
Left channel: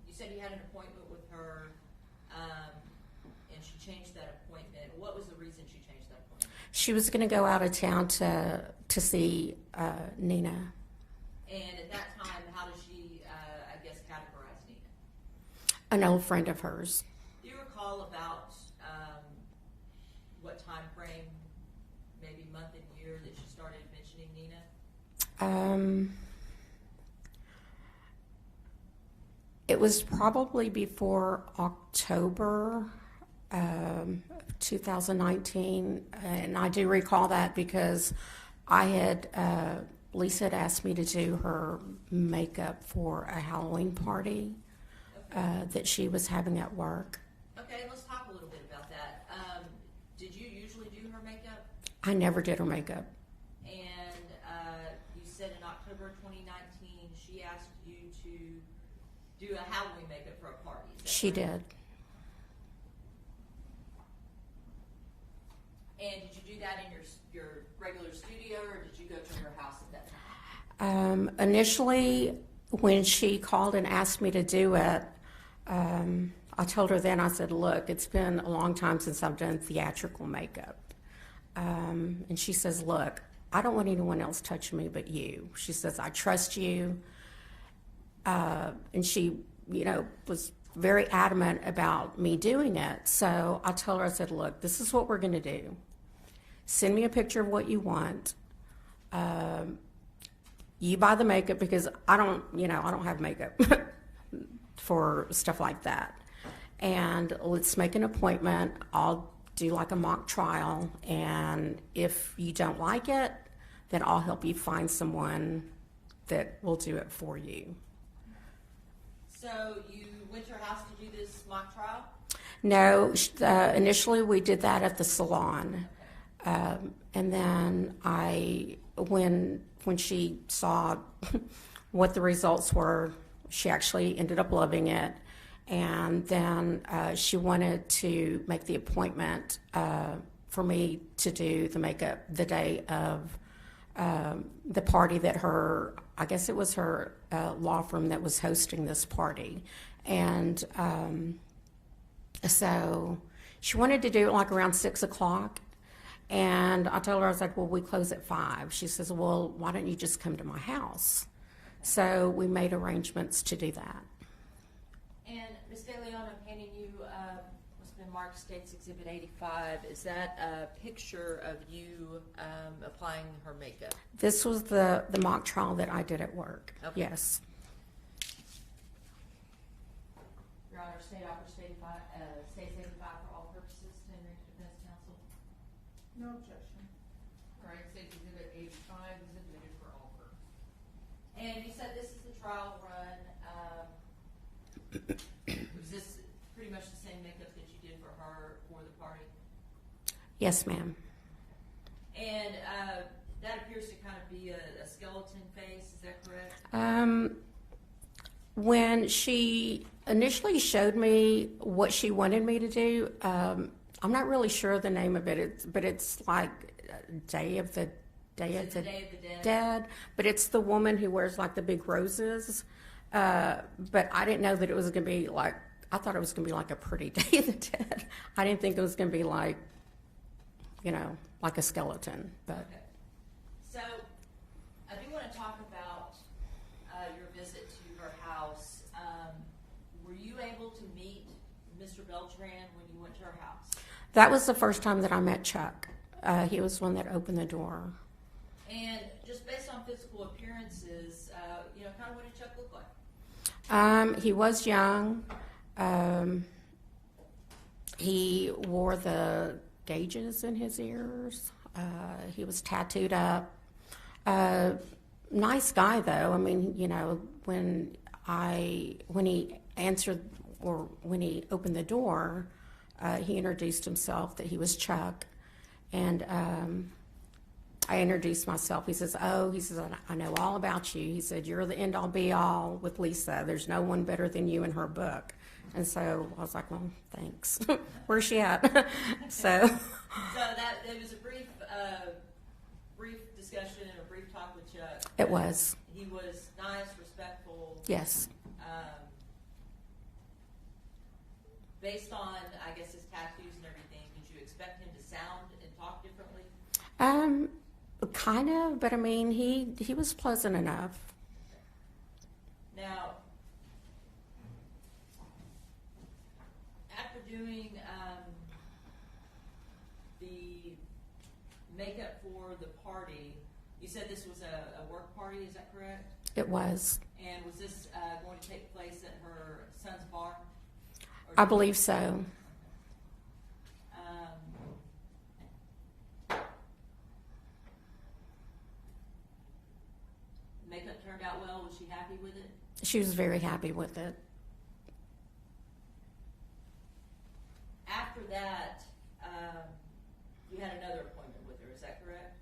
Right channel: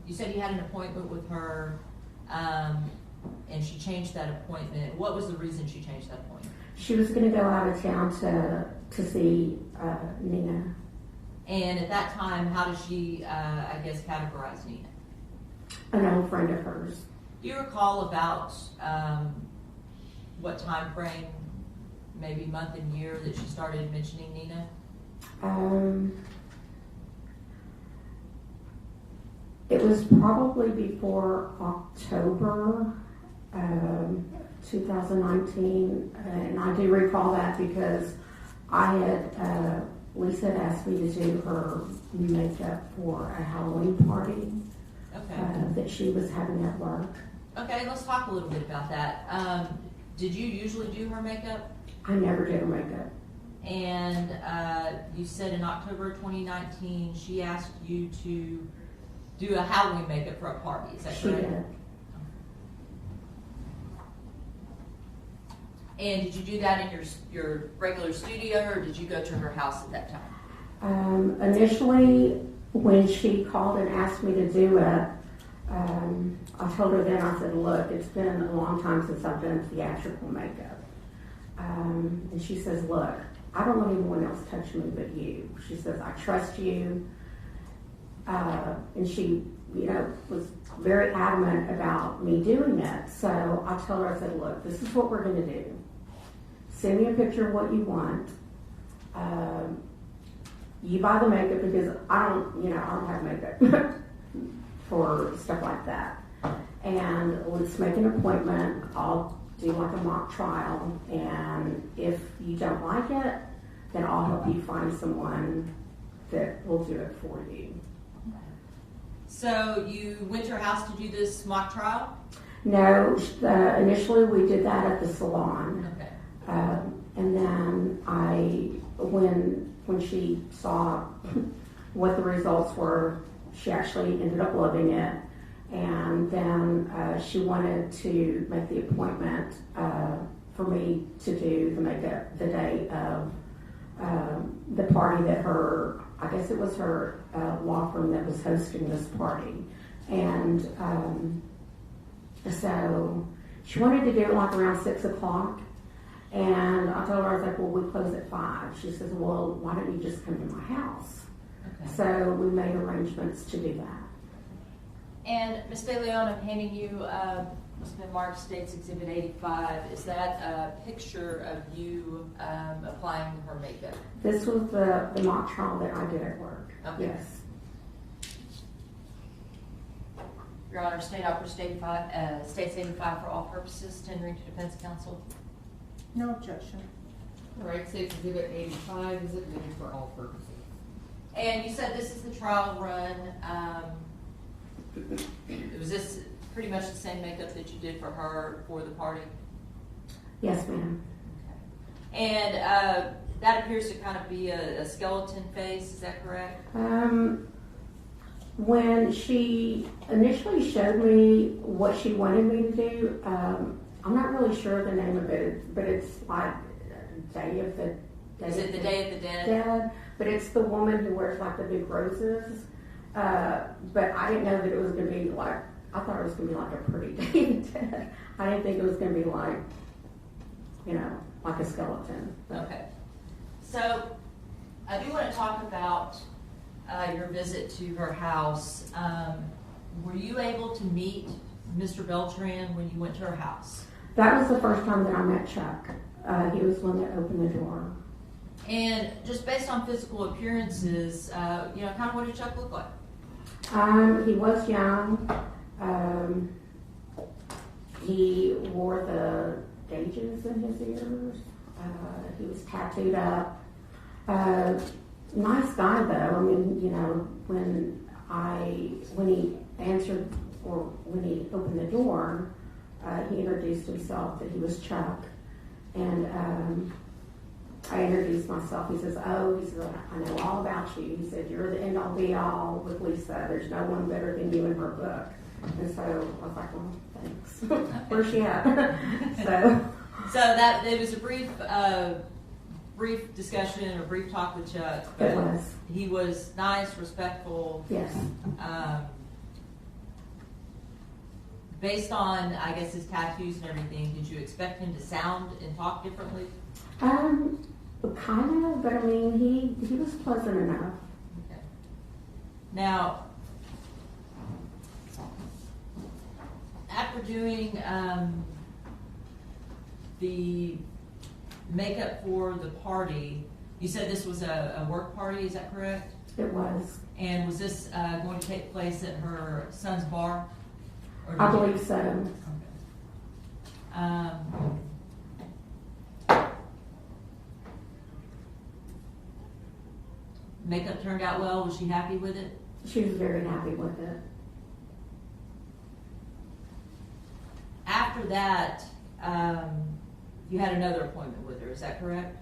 you said you had an appointment with her, and she changed that appointment. What was the reason she changed that appointment? She was going to go out of town to see Nina. And at that time, how did she, I guess, categorize Nina? An old friend of hers. Do you recall about what time frame, maybe month and year, that she started mentioning Nina? It was probably before October 2019, and I do recall that because I had Lisa had asked me to do her makeup for a Halloween party that she was having at work. Okay, let's talk a little bit about that. Did you usually do her makeup? I never did her makeup. And you said in October 2019 she asked you to do a Halloween makeup for a party. Is that She correct? did. And did you do that in your regular studio, or did you go to her house at that time? Initially, when she called and asked me to do it, I told her then, I said, look, it's been a long time since I've done theatrical makeup. And she says, look, I don't want anyone else touching me but you. She says, I trust you. And she, was very adamant about me doing it. So I told her, I said, look, this is what we're going to do. Send me a picture of what you want. You buy the makeup because I don't have makeup for stuff like that. And let's make an appointment. I'll do like a mock trial. And if you don't like it, then I'll help you find someone that will do it for you. So you went to her house to do this mock trial? No, initially we did that at the salon. Okay. And then when she saw what the results were, she actually ended up loving it. And then she wanted to make the appointment for me to do the makeup the day of the party that I guess it was her law firm that was hosting this party. And so she wanted to do it like around 6 o'clock. And I told her, I was like, well, we close at 5. She says, well, why don't you just come to my house? Okay. So we made arrangements to do that. And Ms. De Leon, I'm handing you, Mark States Exhibit 85. Is that a picture of you applying her makeup? This was the mock trial that I did at work. Okay. Yes. Your Honor, State Opera States 85 for all purposes, tendering to defense counsel. No objection. All right, State's Exhibit 85 is admitted for all purposes. And you said this is the trial run. Was this pretty much the same makeup that you did for her for the party? Yes, ma'am. Okay. And that appears to kind of be a skeleton face, is that correct? When she initially showed me what she wanted me to do, I'm not really sure the name of it, but it's like Day of the Is it the Day of the Dead? Dead, but it's the woman who wears like the big roses. But I didn't know that it was going to be like, I thought it was going to be like a pretty Day of the Dead. I didn't think it was going to be like, you know, like a skeleton. But. Okay. So I do want to talk about your visit to her house. Were you able to meet Mr. Beltran when you went to her house? That was the first time that I met Chuck. He was one that opened the door. And just based on physical appearances, you know, kind of what did Chuck look like? He was young. He wore the gauges in his ears. He was tattooed up. Nice guy though. I mean, you know, when he answered or when he opened the door, he introduced himself that he was Chuck, and I introduced myself. He says, I know all about you. He said, you're the end all be all with Lisa. There's no one better than you in her book. And so I was like, well, thanks. Where's she at? So that it was a brief discussion or brief talk with Chuck. it was. He was nice, respectful. Yes. Based on, I guess, his tattoos and everything, did you expect him to sound and talk differently? Kind of, but I mean, he was pleasant enough. Okay. Now, after doing the makeup for the party, you said this was a work party, is that correct? It was. And was this going to take place at her son's bar? Or I did- believe so. Okay. Makeup turned out well. Was she happy with it? She was very happy with it. After that, you had another appointment with her. Is that correct?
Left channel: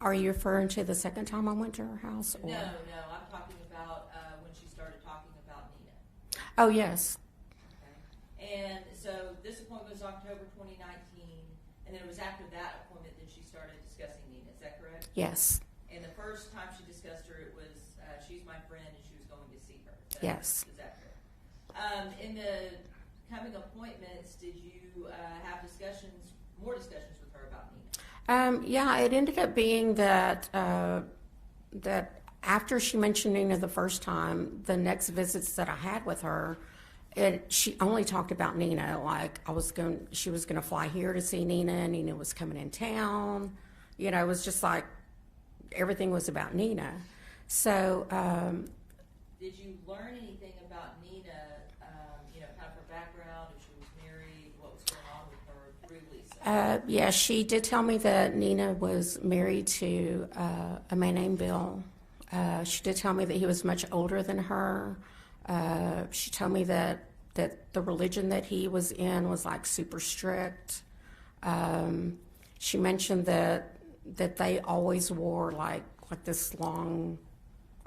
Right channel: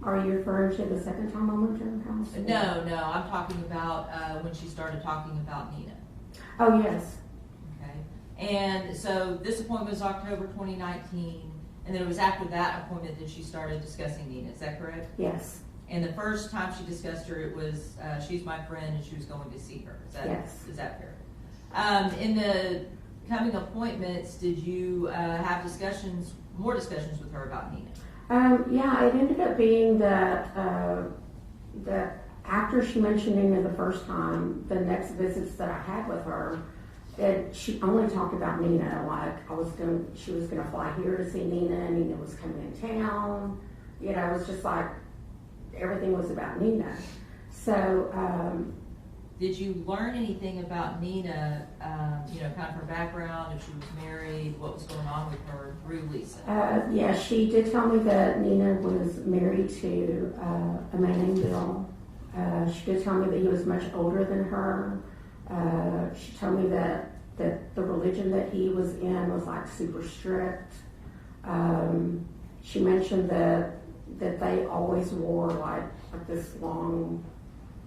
Are you referring to the second time I went to her house? or- No. I'm talking about when she started talking about Nina. Oh, yes. Okay. And so this appointment was October 2019, and then it was after that appointment that she started discussing Nina. Is that correct? Yes. And the first time she discussed her, it was she's my friend and she was going to see her. Yes. Is that fair? In the coming appointments, did you have more discussions with her about Nina? Yeah, it ended up being that after she mentioned Nina the first time, the next visits that I had with her, she only talked about Nina. Like she was gonna fly here to see Nina, and Nina was coming in town. You know, it was just like everything was about Nina. So. Did you learn anything about Nina, you know, kind of her background, if she was married, what was going on with her through Lisa? Yeah, she did tell me that Nina was married to a man named Bill. She did tell me that he was much older than her. She told me that the religion that he was in was like super strict. She mentioned that they always wore like this long,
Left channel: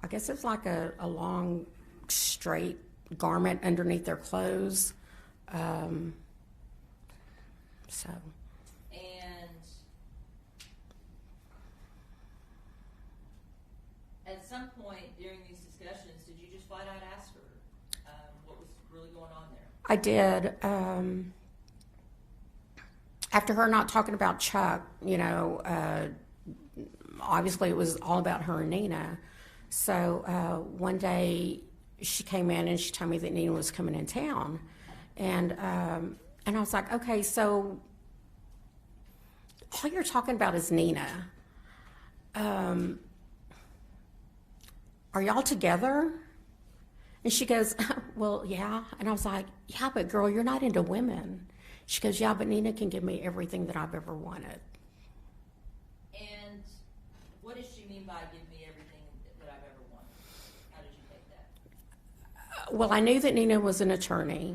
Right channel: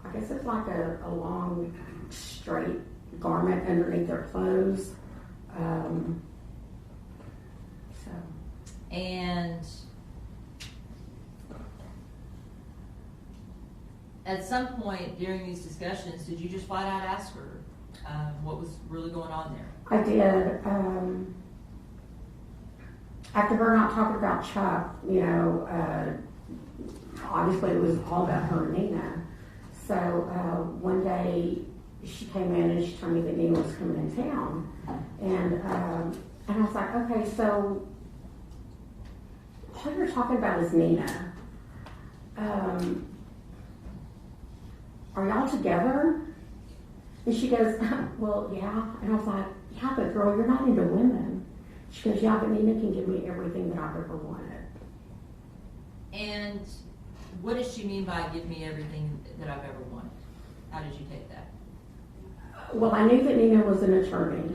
I guess it's like a long straight garment underneath their clothes. And at some point during these discussions, did you just flat out ask her what was really going on there? I did. after her not talking about Chuck, you know, obviously it was all about her and Nina. So one day she came in and she told me that Nina was coming in town. And I was like, okay, so all you're talking about is Nina. Are y'all together? And she goes, well, yeah. And I was like, yeah, but girl, you're not into women. She goes, yeah, but Nina can give me everything that I've ever wanted. And what does she mean by give me everything that I've ever wanted? How did you take that? Well, I knew that Nina was an attorney.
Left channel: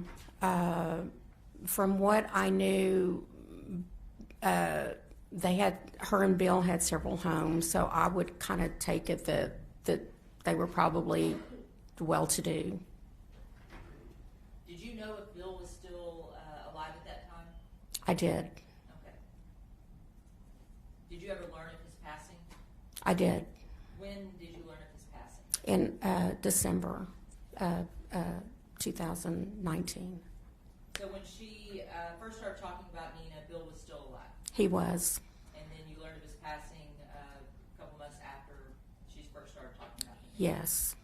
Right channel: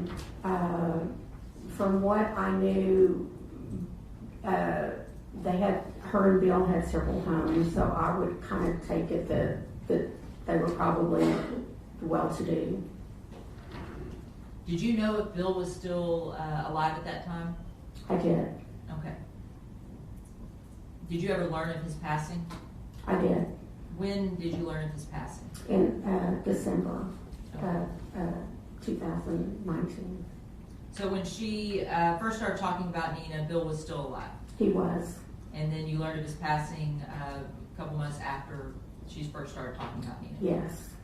From what I knew, her and Bill had several homes, so I would kind of take it that they were probably well-to-do. Did you know if Bill was still alive at that time? I did. Okay. Did you ever learn of his passing? I did. When did you learn of his passing? In December 2019. So when she first started talking about Nina, Bill was still alive. He was. And then you learned of his passing a couple months after she first started talking about Nina. Yes.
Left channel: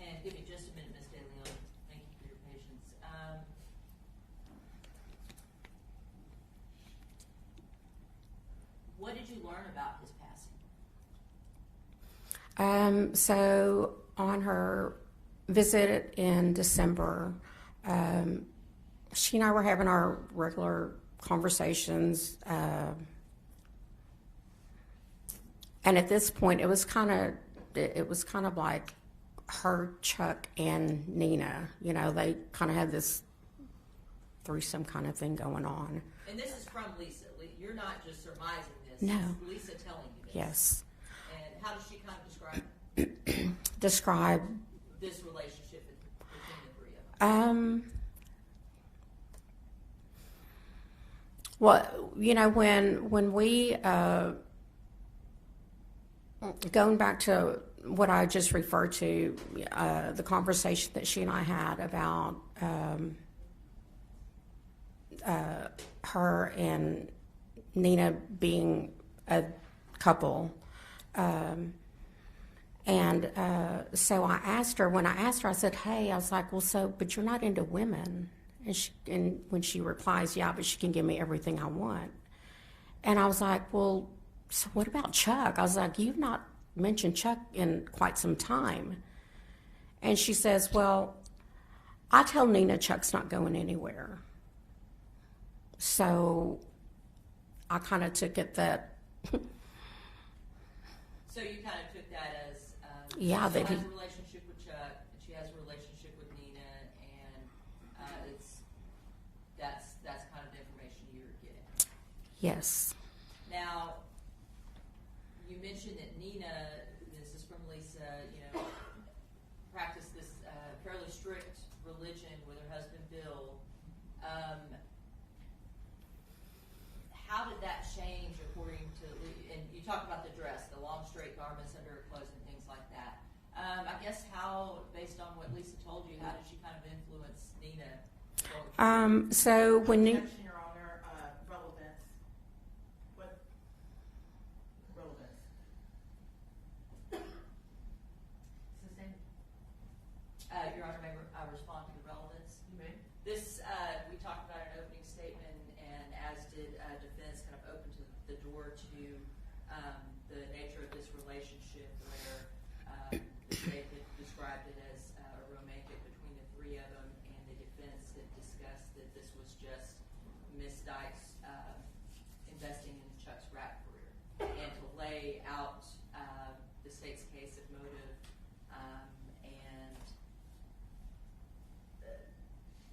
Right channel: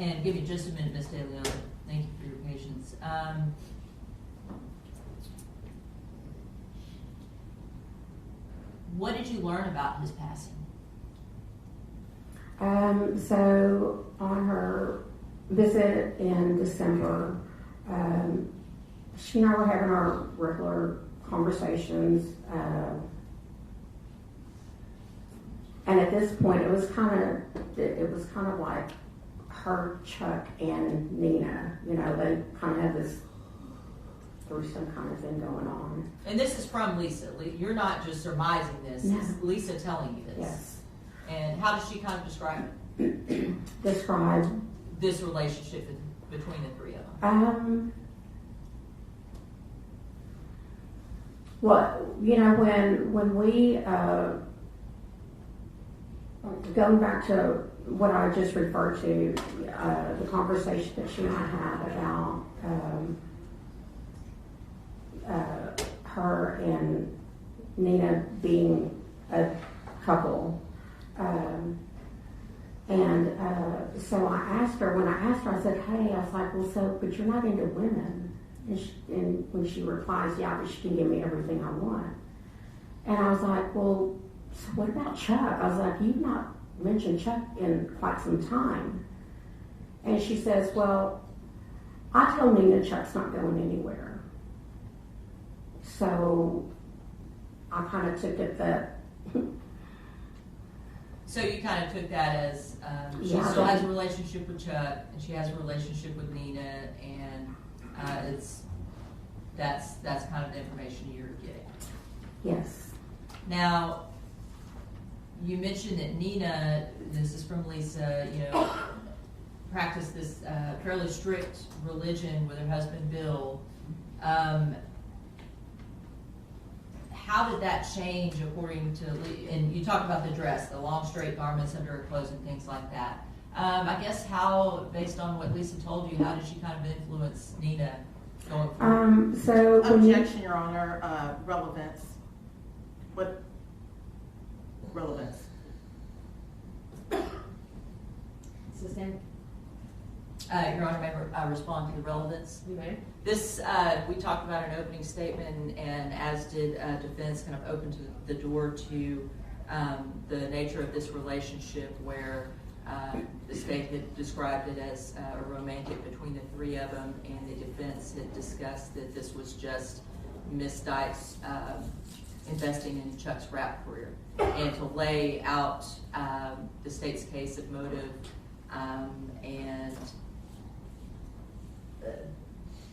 And give me just a minute, Ms. De Leon. Thank you for your patience. What did you learn about his passing? So on her visit in December, she and I were having our regular conversations, and at this point, it was kind of like her, Chuck, and Nina. You know, they kind of had this threesome kind of thing going on. And this is from Lisa. You're not just surmising this. No. It's Lisa telling you this. Yes. And how does she kind of Describe this relationship between the three of them? Well, you know, when we going back to what I just referred to, the conversation that she and I had about her and Nina being a couple. So I asked her, I said, hey, I was like, well, so, but you're not into women. And when she replies, yeah, but she can give me everything I want. And I was like, well, so what about Chuck? I was like, you've not mentioned Chuck in quite some time. And she says, well, I told Nina Chuck's not going anywhere. So I kind of took it that... So you kind of took that as she still has a relationship with Chuck, and she has a relationship with Nina, and that's kind of the information you're getting. Yes. Now, you mentioned that Nina, this is from Lisa, you know, practiced this fairly strict religion with her husband Bill. How did that change according to, and you talked about the dress, the long straight garments under her clothes and things like that. I guess how, based on what Lisa told you, how did she kind of influence Nina going forward? So when Objection, Your Honor, relevance. What relevance? Sustained? Your Honor, may I respond to the relevance? You may. This, we talked about an opening statement, and as did defense, kind of opened the door to the nature of this relationship where the state had described it as a romantic between the three of them, and the defense had discussed that this was just Ms. Dykes investing in Chuck's rap career, and to lay out the state's case of motive and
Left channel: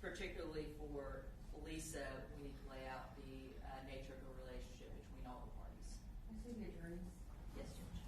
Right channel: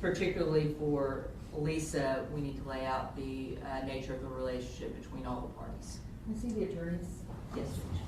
particularly for Lisa, we need to lay out the nature of the relationship between all the parties. I see the attorneys. Yes, Judge.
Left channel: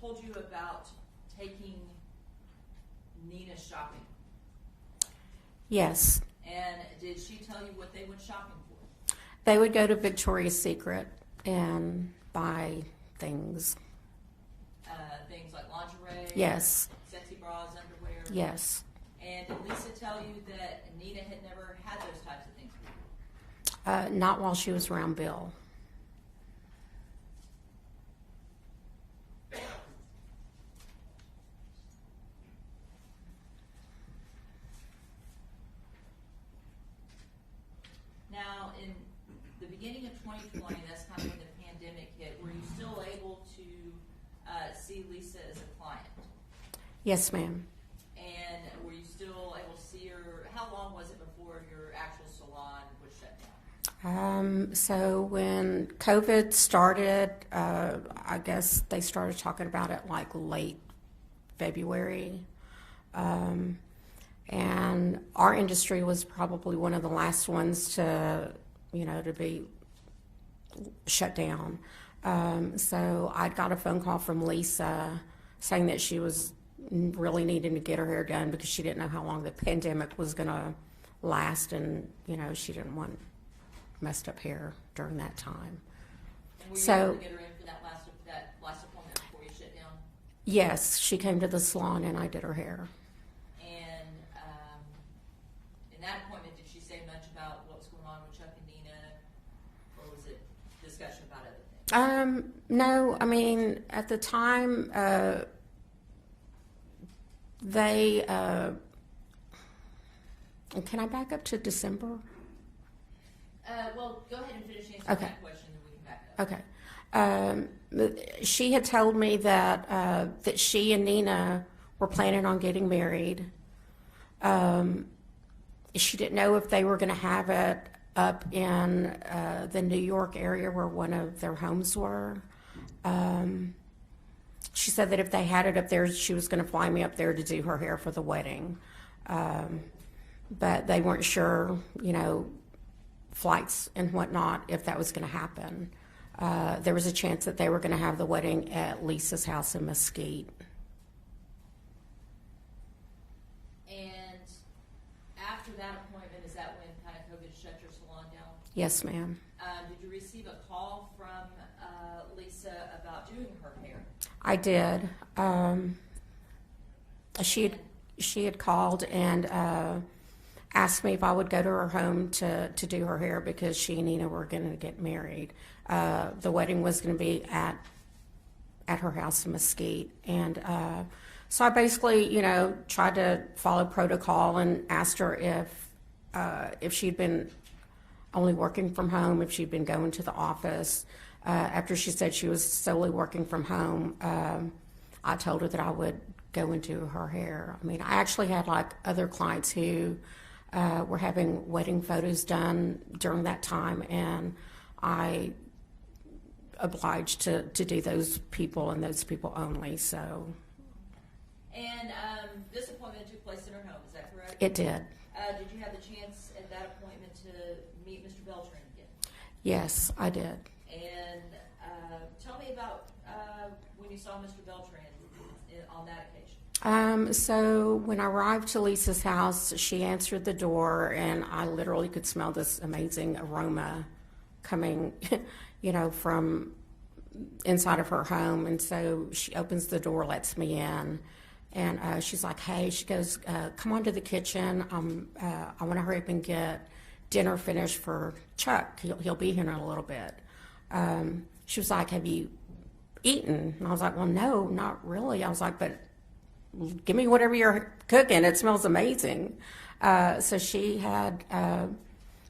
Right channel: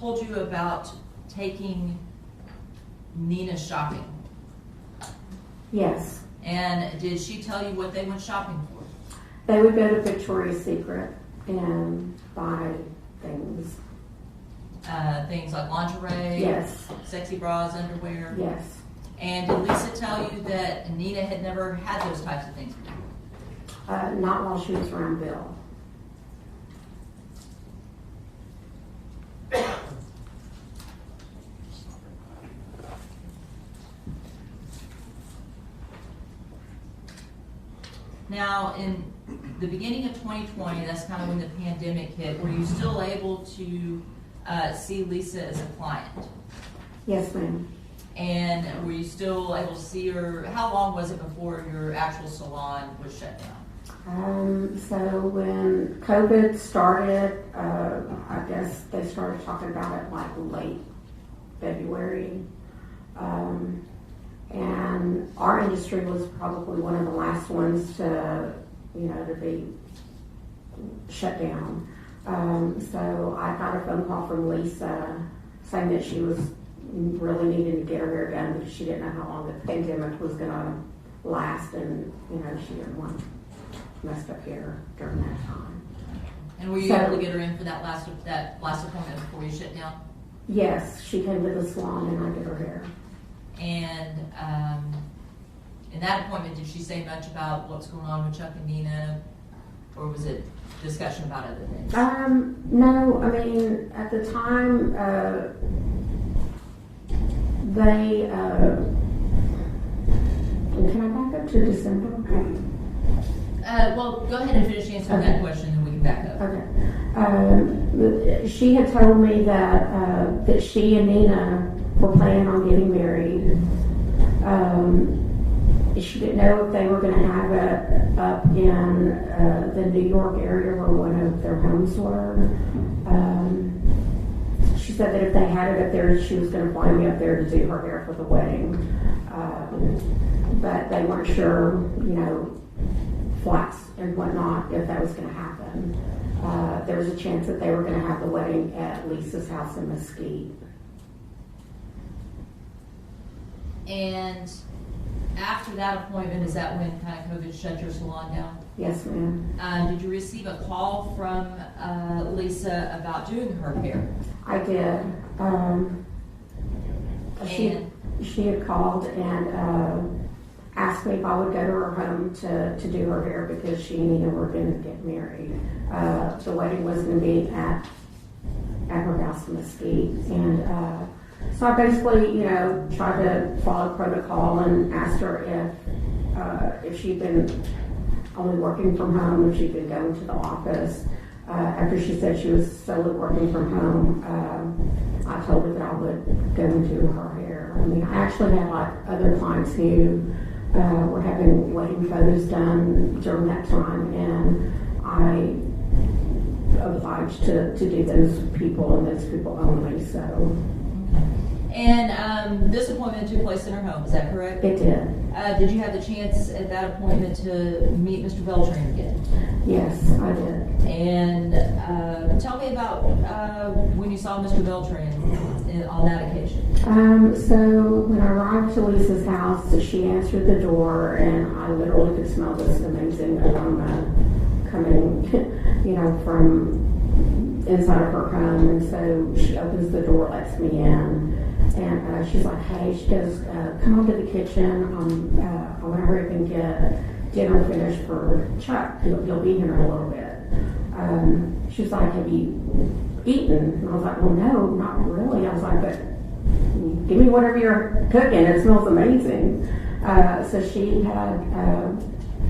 told you about taking Nina shopping? Yes. And did she tell you what they went shopping for? They would go to Victoria's Secret and buy things. Things like lingerie? Yes. Sexy bras, underwear? Yes. And did Lisa tell you that Nina had never had those types of things? Not while she was around Bill. Now, in the beginning of 2020, that's kind of when the pandemic hit, were you still able to see Lisa as a client? Yes, ma'am. And were you still able to see her, how long was it before your actual salon was shut down? So when COVID started, I guess they started talking about it like late February. And our industry was probably one of the last ones to be shut down. So I got a phone call from Lisa saying that she was really needing to get her hair done because she didn't know how long the pandemic was going to last, and she didn't want messed up hair during that time. And were you able to get her in for that last appointment before you shut down? Yes, she came to the salon and I did her hair. And in that appointment, did she say much about what's going on with Chuck and Nina, or was it discussion about other things? No, I mean, at the time, they, can I back up to December? Well, go ahead and finish answering that question, and we can back up. Okay. She had told me that she and Nina were planning on getting married. She didn't know if they were going to have it up in the New York area where one of their homes were. She said that if they had it up there, she was going to fly me up there to do her hair for the wedding. But they weren't sure, flights and whatnot, if that was going to happen. There was a chance that they were going to have the wedding at Lisa's house in Mesquite. And after that appointment, is that when kind of COVID shut your salon down? Yes, ma'am. Did you receive a call from Lisa about doing her hair? I did. She had called and asked me if I would go to her home to do her hair because she and Nina were going to get married. The wedding was going to be at her house in Mesquite, and so I basically, tried to follow protocol and asked her if she'd been only working from home, if she'd been going to the office. After she said she was solely working from home, I told her that I would go and do her hair. I mean, I actually had other clients who were having wedding photos done during that time, and I obliged to do those people and those people only. So. And this appointment took place in her home, is that correct? It did. Did you have the chance at that appointment to meet Mr. Beltran again? Yes, I did. And tell me about when you saw Mr. Beltran on that occasion. So when I arrived to Lisa's house, she answered the door, and I literally could smell this amazing aroma coming, from inside of her home. And so she opens the door, lets me in. And she's like, hey, she goes, come on to the kitchen. I want to hurry up and get dinner finished for Chuck. He'll be here in a little bit. She was like, have you eaten? And I was like, well, no, not really. I was like, but give me whatever you're cooking. It smells amazing. So she had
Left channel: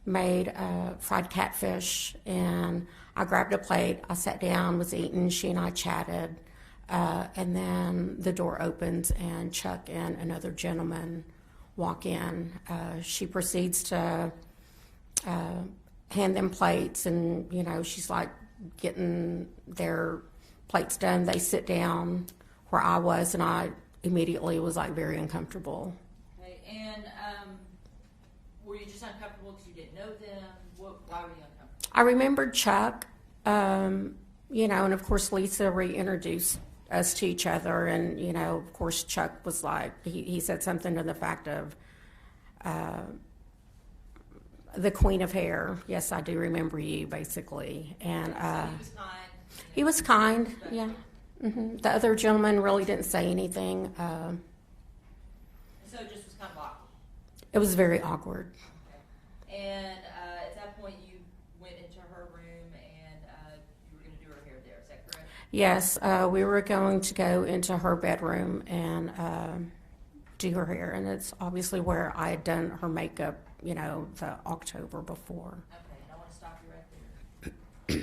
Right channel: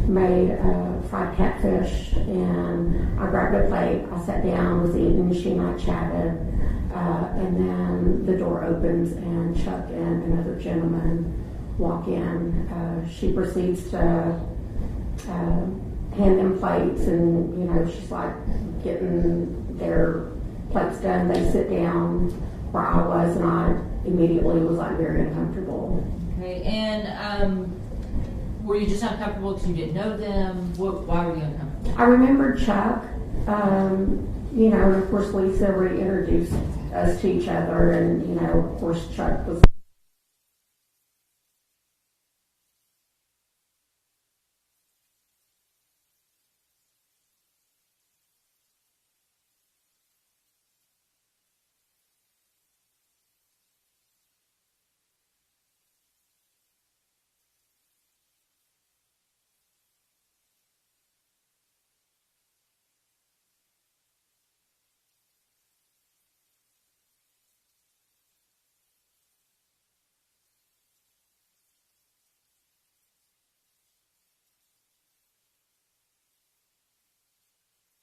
made fried catfish, and I grabbed a plate. I sat down, was eating. She and I chatted. And then the door opens and Chuck and another gentleman walk in. She proceeds to hand them plates, and she's like getting their plates done. They sit down where I was, and I immediately was very uncomfortable. Okay, and were you just uncomfortable because you didn't know them? Why were you uncomfortable? I remembered Chuck, and of course Lisa reintroduced us to each other. And, you know, of course, Chuck was like, he said something to the fact of the queen of hair. Yes, I do remember you, basically. And He was kind. he was kind, yeah. The other gentleman really didn't say anything. So it just was kind of awkward. It was very awkward. And at that point, you went into her room and you were going to do her hair there. Is that correct? Yes, we were going to go into her bedroom and do her hair, and it's obviously where I had done her makeup, you know, the October before. Okay, and I want to stop you right there.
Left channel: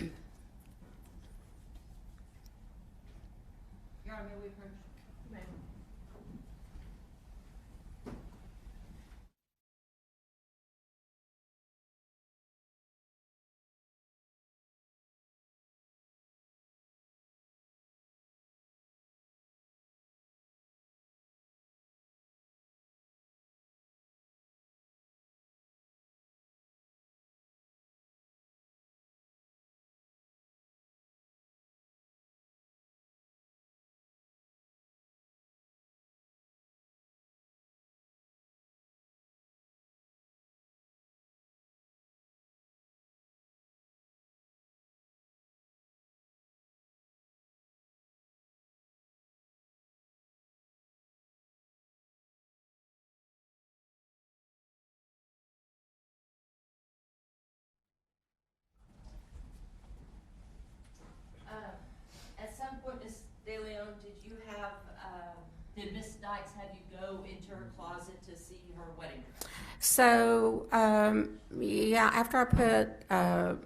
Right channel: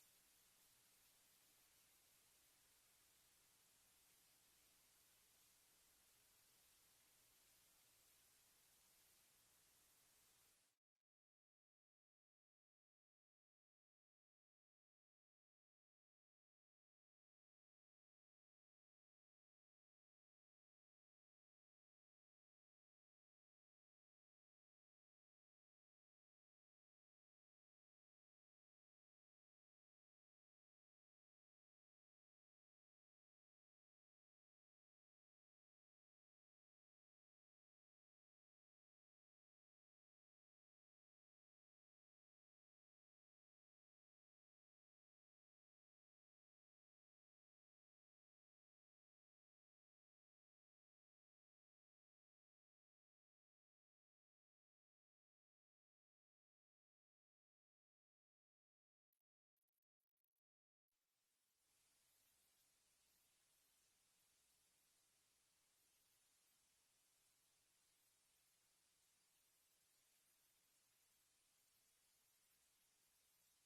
Your Honor, may we approach? At some point, Ms. De Leon, did Ms. Dykes have you go into her closet to see her wedding dress? So, yeah, after I put her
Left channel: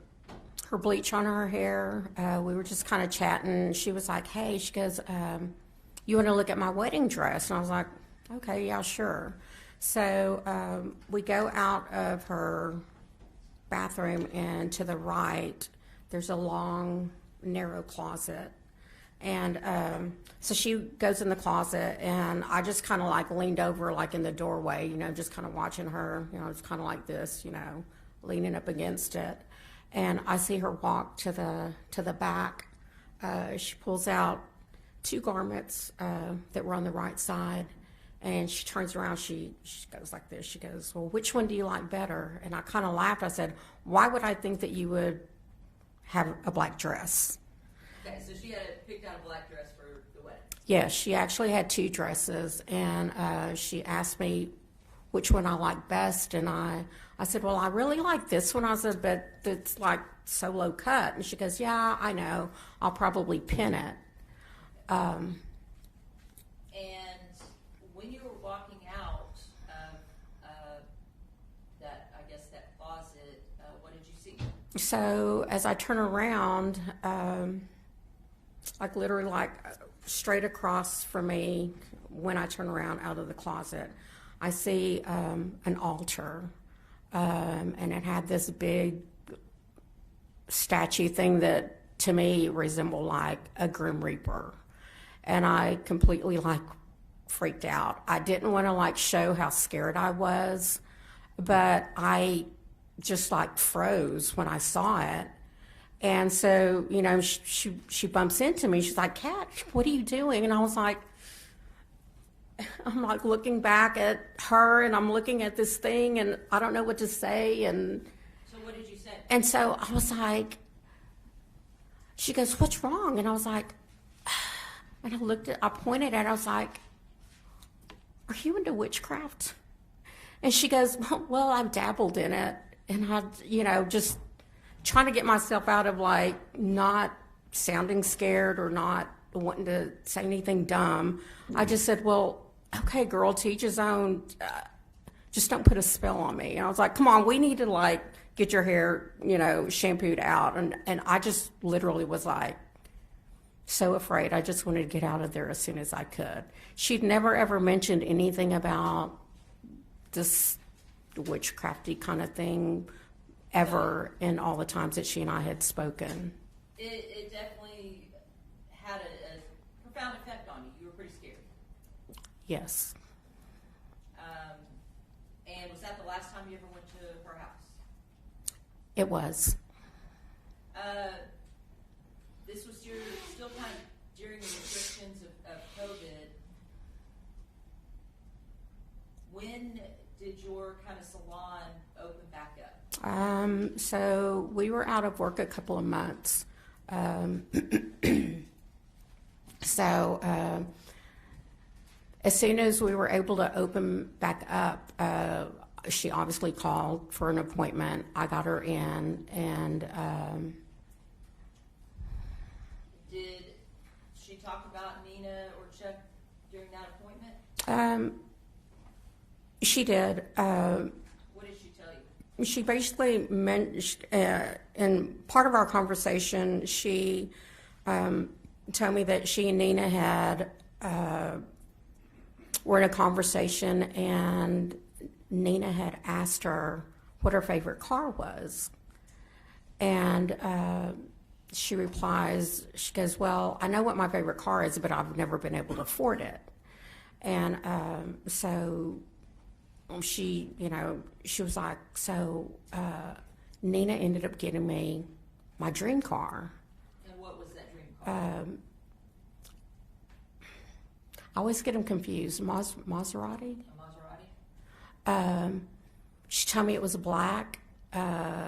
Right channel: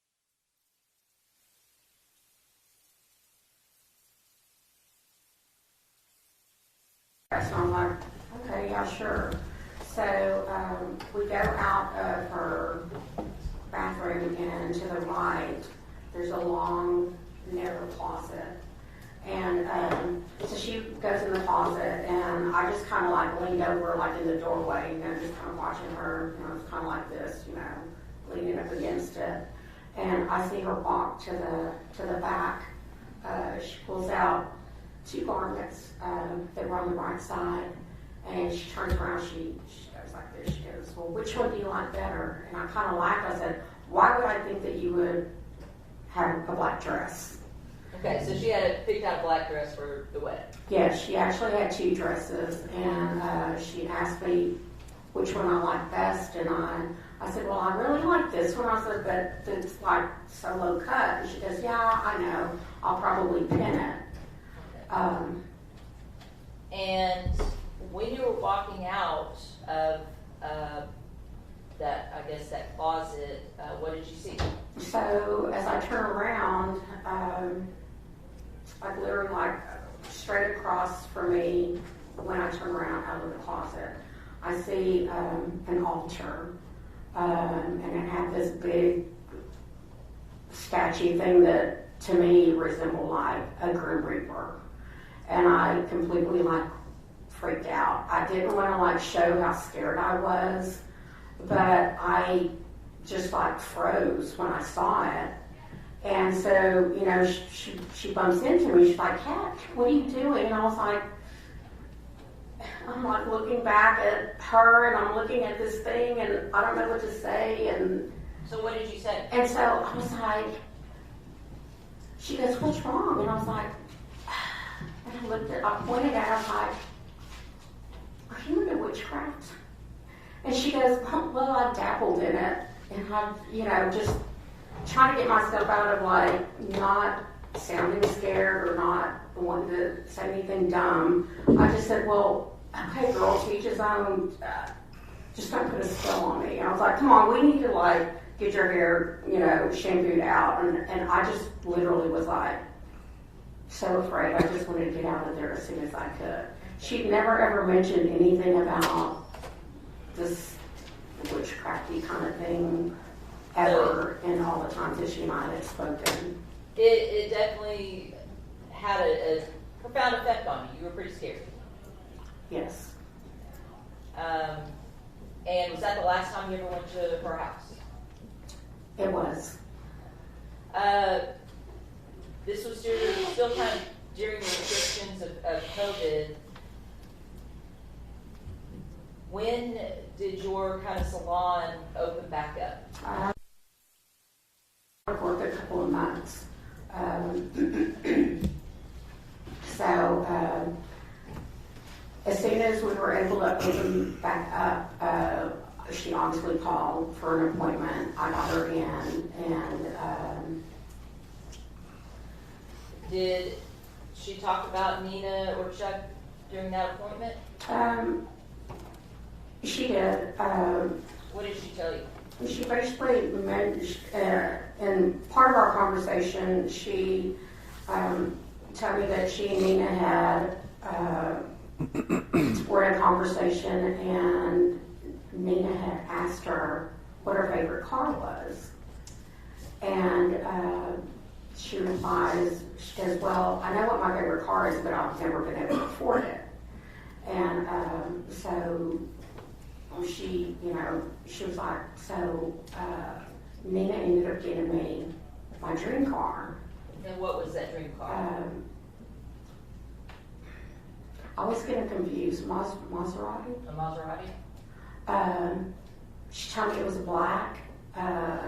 bleach on her hair, we were just kind of chatting. She was like, hey, she goes, you want to look at my wedding dress? And I was like, okay, yeah, sure. So we go out of her bathroom, and to the right, there's a long, narrow closet. And so she goes in the closet, and I just kind of like leaned over, like in the doorway, you know, just kind of watching her. You know, it's kind of like this, you know, leaning up against it. And I see her walk to the back. She pulls out two garments that were on the right side, and she turns around. She goes like this. She goes, well, which one do you like better? And I kind of laughed. I said, why would I think that you would have a black dress? Okay, so she had picked out a black dress for the wedding. Yeah, she actually had two dresses, and she asked me which one I liked best, and I said, well, I really like this one. I said, but it's like so low cut. And she goes, yeah, I know. I'll probably pin it. And when you were walking out of that closet, what did you see? So as I turn around, like literally like straight across from me, when I turn around out of the closet, I see an altar, and it had this big statue thing that to me resembled like a Grim Reaper. And I completely like freaked out. I didn't want to like show how scared I was, but I just like froze when I saw it. And so, you know, she bumps into me. She's like, Kat, what are you doing? And I was like, I'm like looking back at her, and I'm looking at this thing, and I don't know what to say. And so what did you say? And so I was like, she goes, what's wrong? And I was like, and I pointed at her, I was like, are you into witchcraft? And she goes, well, I've dabbled in it. And I, you know, just trying to get myself out of like not sounding scared or not wanting to say anything dumb. I just said, well, okay, girl, to each his own. Just don't put a spell on me. And I was like, come on, we need to like get your hair, you know, shampooed out. And I just literally was like so afraid. I just wanted to get out of there as soon as I could. She'd never ever mentioned anything about this witchcrafty kind of thing ever in all the times that she and I had spoken. It definitely had a profound effect on you. You were pretty scared. Yes. And was that the last time you ever went to her house? It was. This was still kind of during the restrictions of COVID, when did your kind of salon open back up? So we were out of work a couple of months. As soon as we were able to open back up, she honestly called for an appointment. I got her in, and did she talk about Nina or Chuck during that appointment? she did. What did she tell you? She basically mentioned, in part of our conversation, she told me that she and Nina had were in a conversation, and Nina had asked her what her favorite car was. And she replies, she goes, well, I know what my favorite car is, but I've never been able to afford it. And so she, she was like, so Nina ended up getting me my dream car. And what was that dream car? I always get them confused. Maserati? A Maserati? She told me it was black.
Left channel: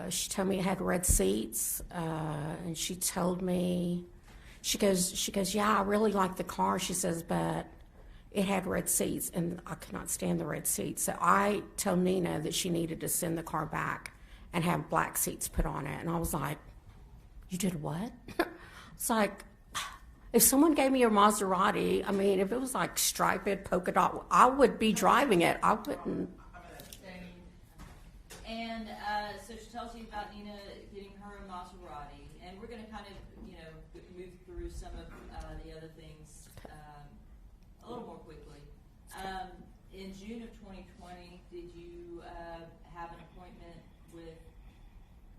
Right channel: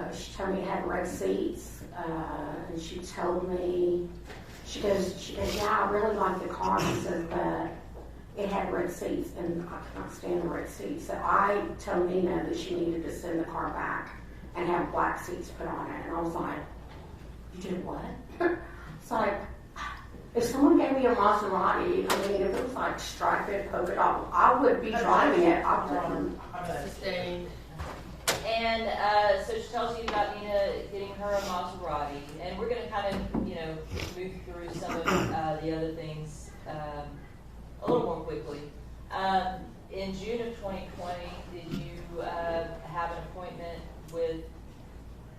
She told me it had red seats. And she told me, she goes, yeah, I really like the car. She says, but it had red seats, and I could not stand the red seats. So I told Nina that she needed to send the car back and have black seats put on it. And I was like, you did what? It's like, if someone gave me a Maserati, I mean, if it was like striped, polka dot, I would be driving it. I wouldn't. Sustained. And so she tells you about Nina getting her a Maserati, and we're going to kind of, move through some of the other things a little more quickly. In June of 2020, did you have an appointment with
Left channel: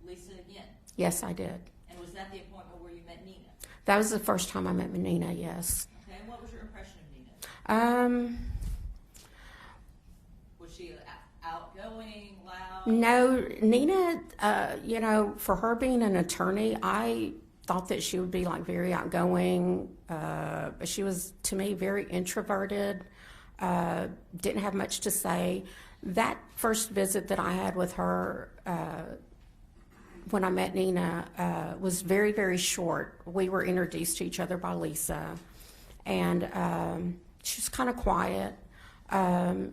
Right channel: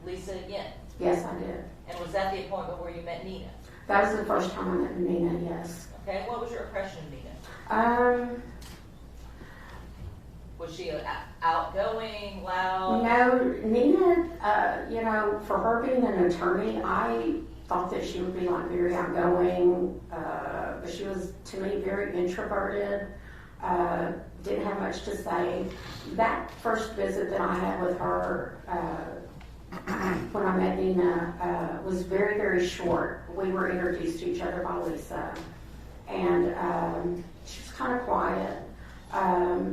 Lisa again? Yes, I did. And was that the appointment where you met Nina? That was the first time I met Nina, yes. Okay, and what was your impression of Nina? Was she outgoing, loud? No, Nina, for her being an attorney, I thought that she would be like very outgoing. She was, to me, very introverted, didn't have much to say. That first visit that I had with her, when I met Nina, was very, very short. We were introduced to each other by Lisa, and she was kind of quiet.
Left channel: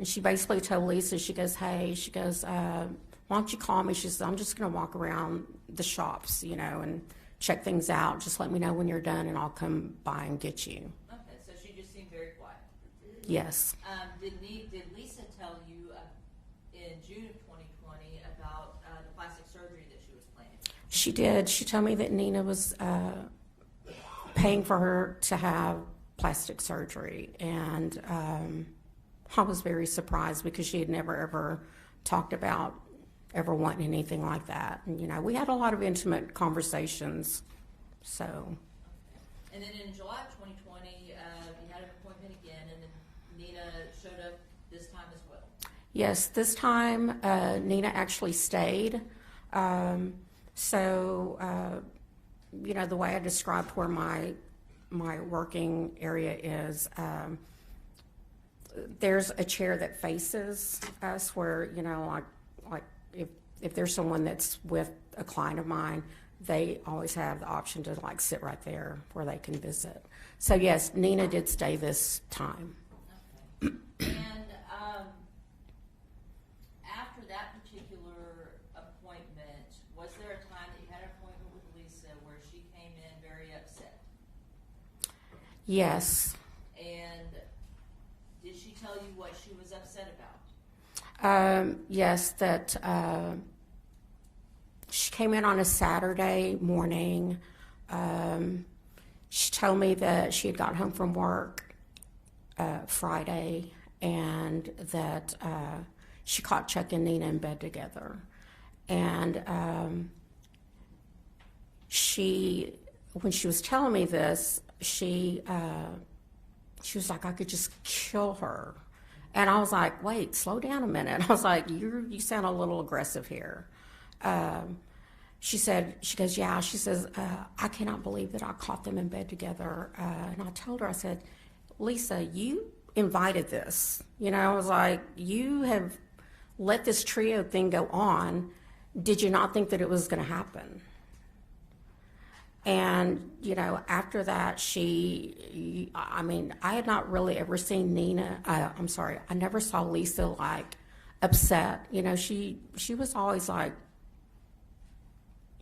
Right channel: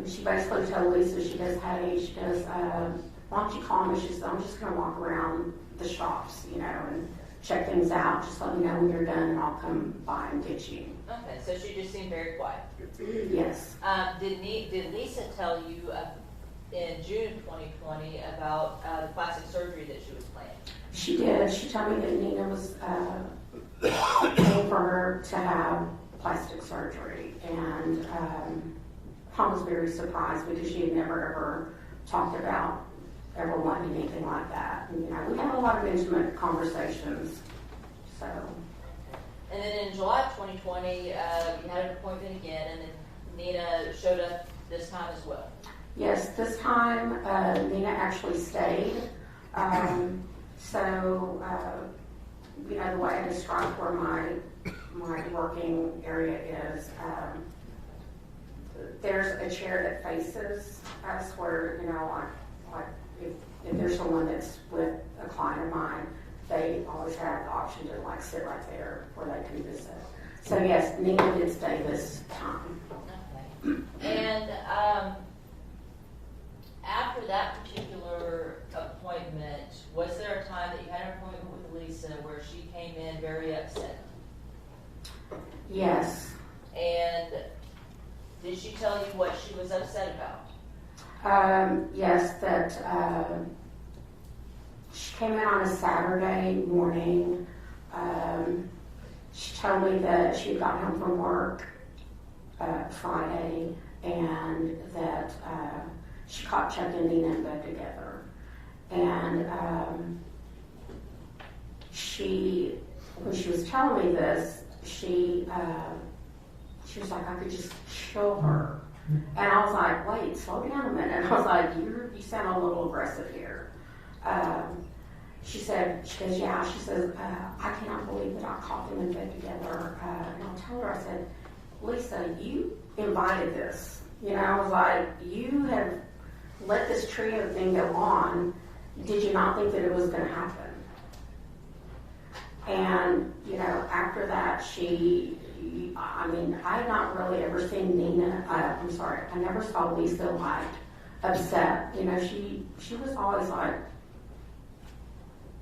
She basically told Lisa, she goes, hey, why don't you call me? She says, I'm just going to walk around the shops, and check things out. Just let me know when you're done, and I'll come by and get you. Okay, so she just seemed very quiet. Yes. Did Lisa tell you in June of 2020 about the plastic surgery that she was planning? She did. She told me that Nina was paying for her to have plastic surgery, and I was very surprised because she had never ever talked about ever wanting anything like that. And, we had a lot of intimate conversations, so. And then in July of 2020, you had an appointment again, and then Nina showed up this time as well. Yes, this time Nina actually stayed. The way I described where my working area is, there's a chair that faces us where, like if there's someone that's with a client of mine, they always have the option to sit right there where they can visit. So yes, Nina did stay this time. Okay. And after that particular appointment, was there a time that you had an appointment with Lisa where she came in very upset? Yes. And did she tell you what she was upset about? Yes, that she came in on a Saturday morning. She told me that she had got home from work Friday, and that she caught Chuck and Nina in bed together. And when she was telling me this, she was like, I could just kill her. And I was like, wait, slow down a minute. I was like, you sound a little aggressive here. she goes, yeah, she says, I cannot believe that I caught them in bed together. And I told her, I said, Lisa, you invited this. You know, I was like, you have let this trio thing go on. Did you not think that it was going to happen? And, you know, after that, I had not really ever seen I never saw Lisa, like, upset. You know, she was always like,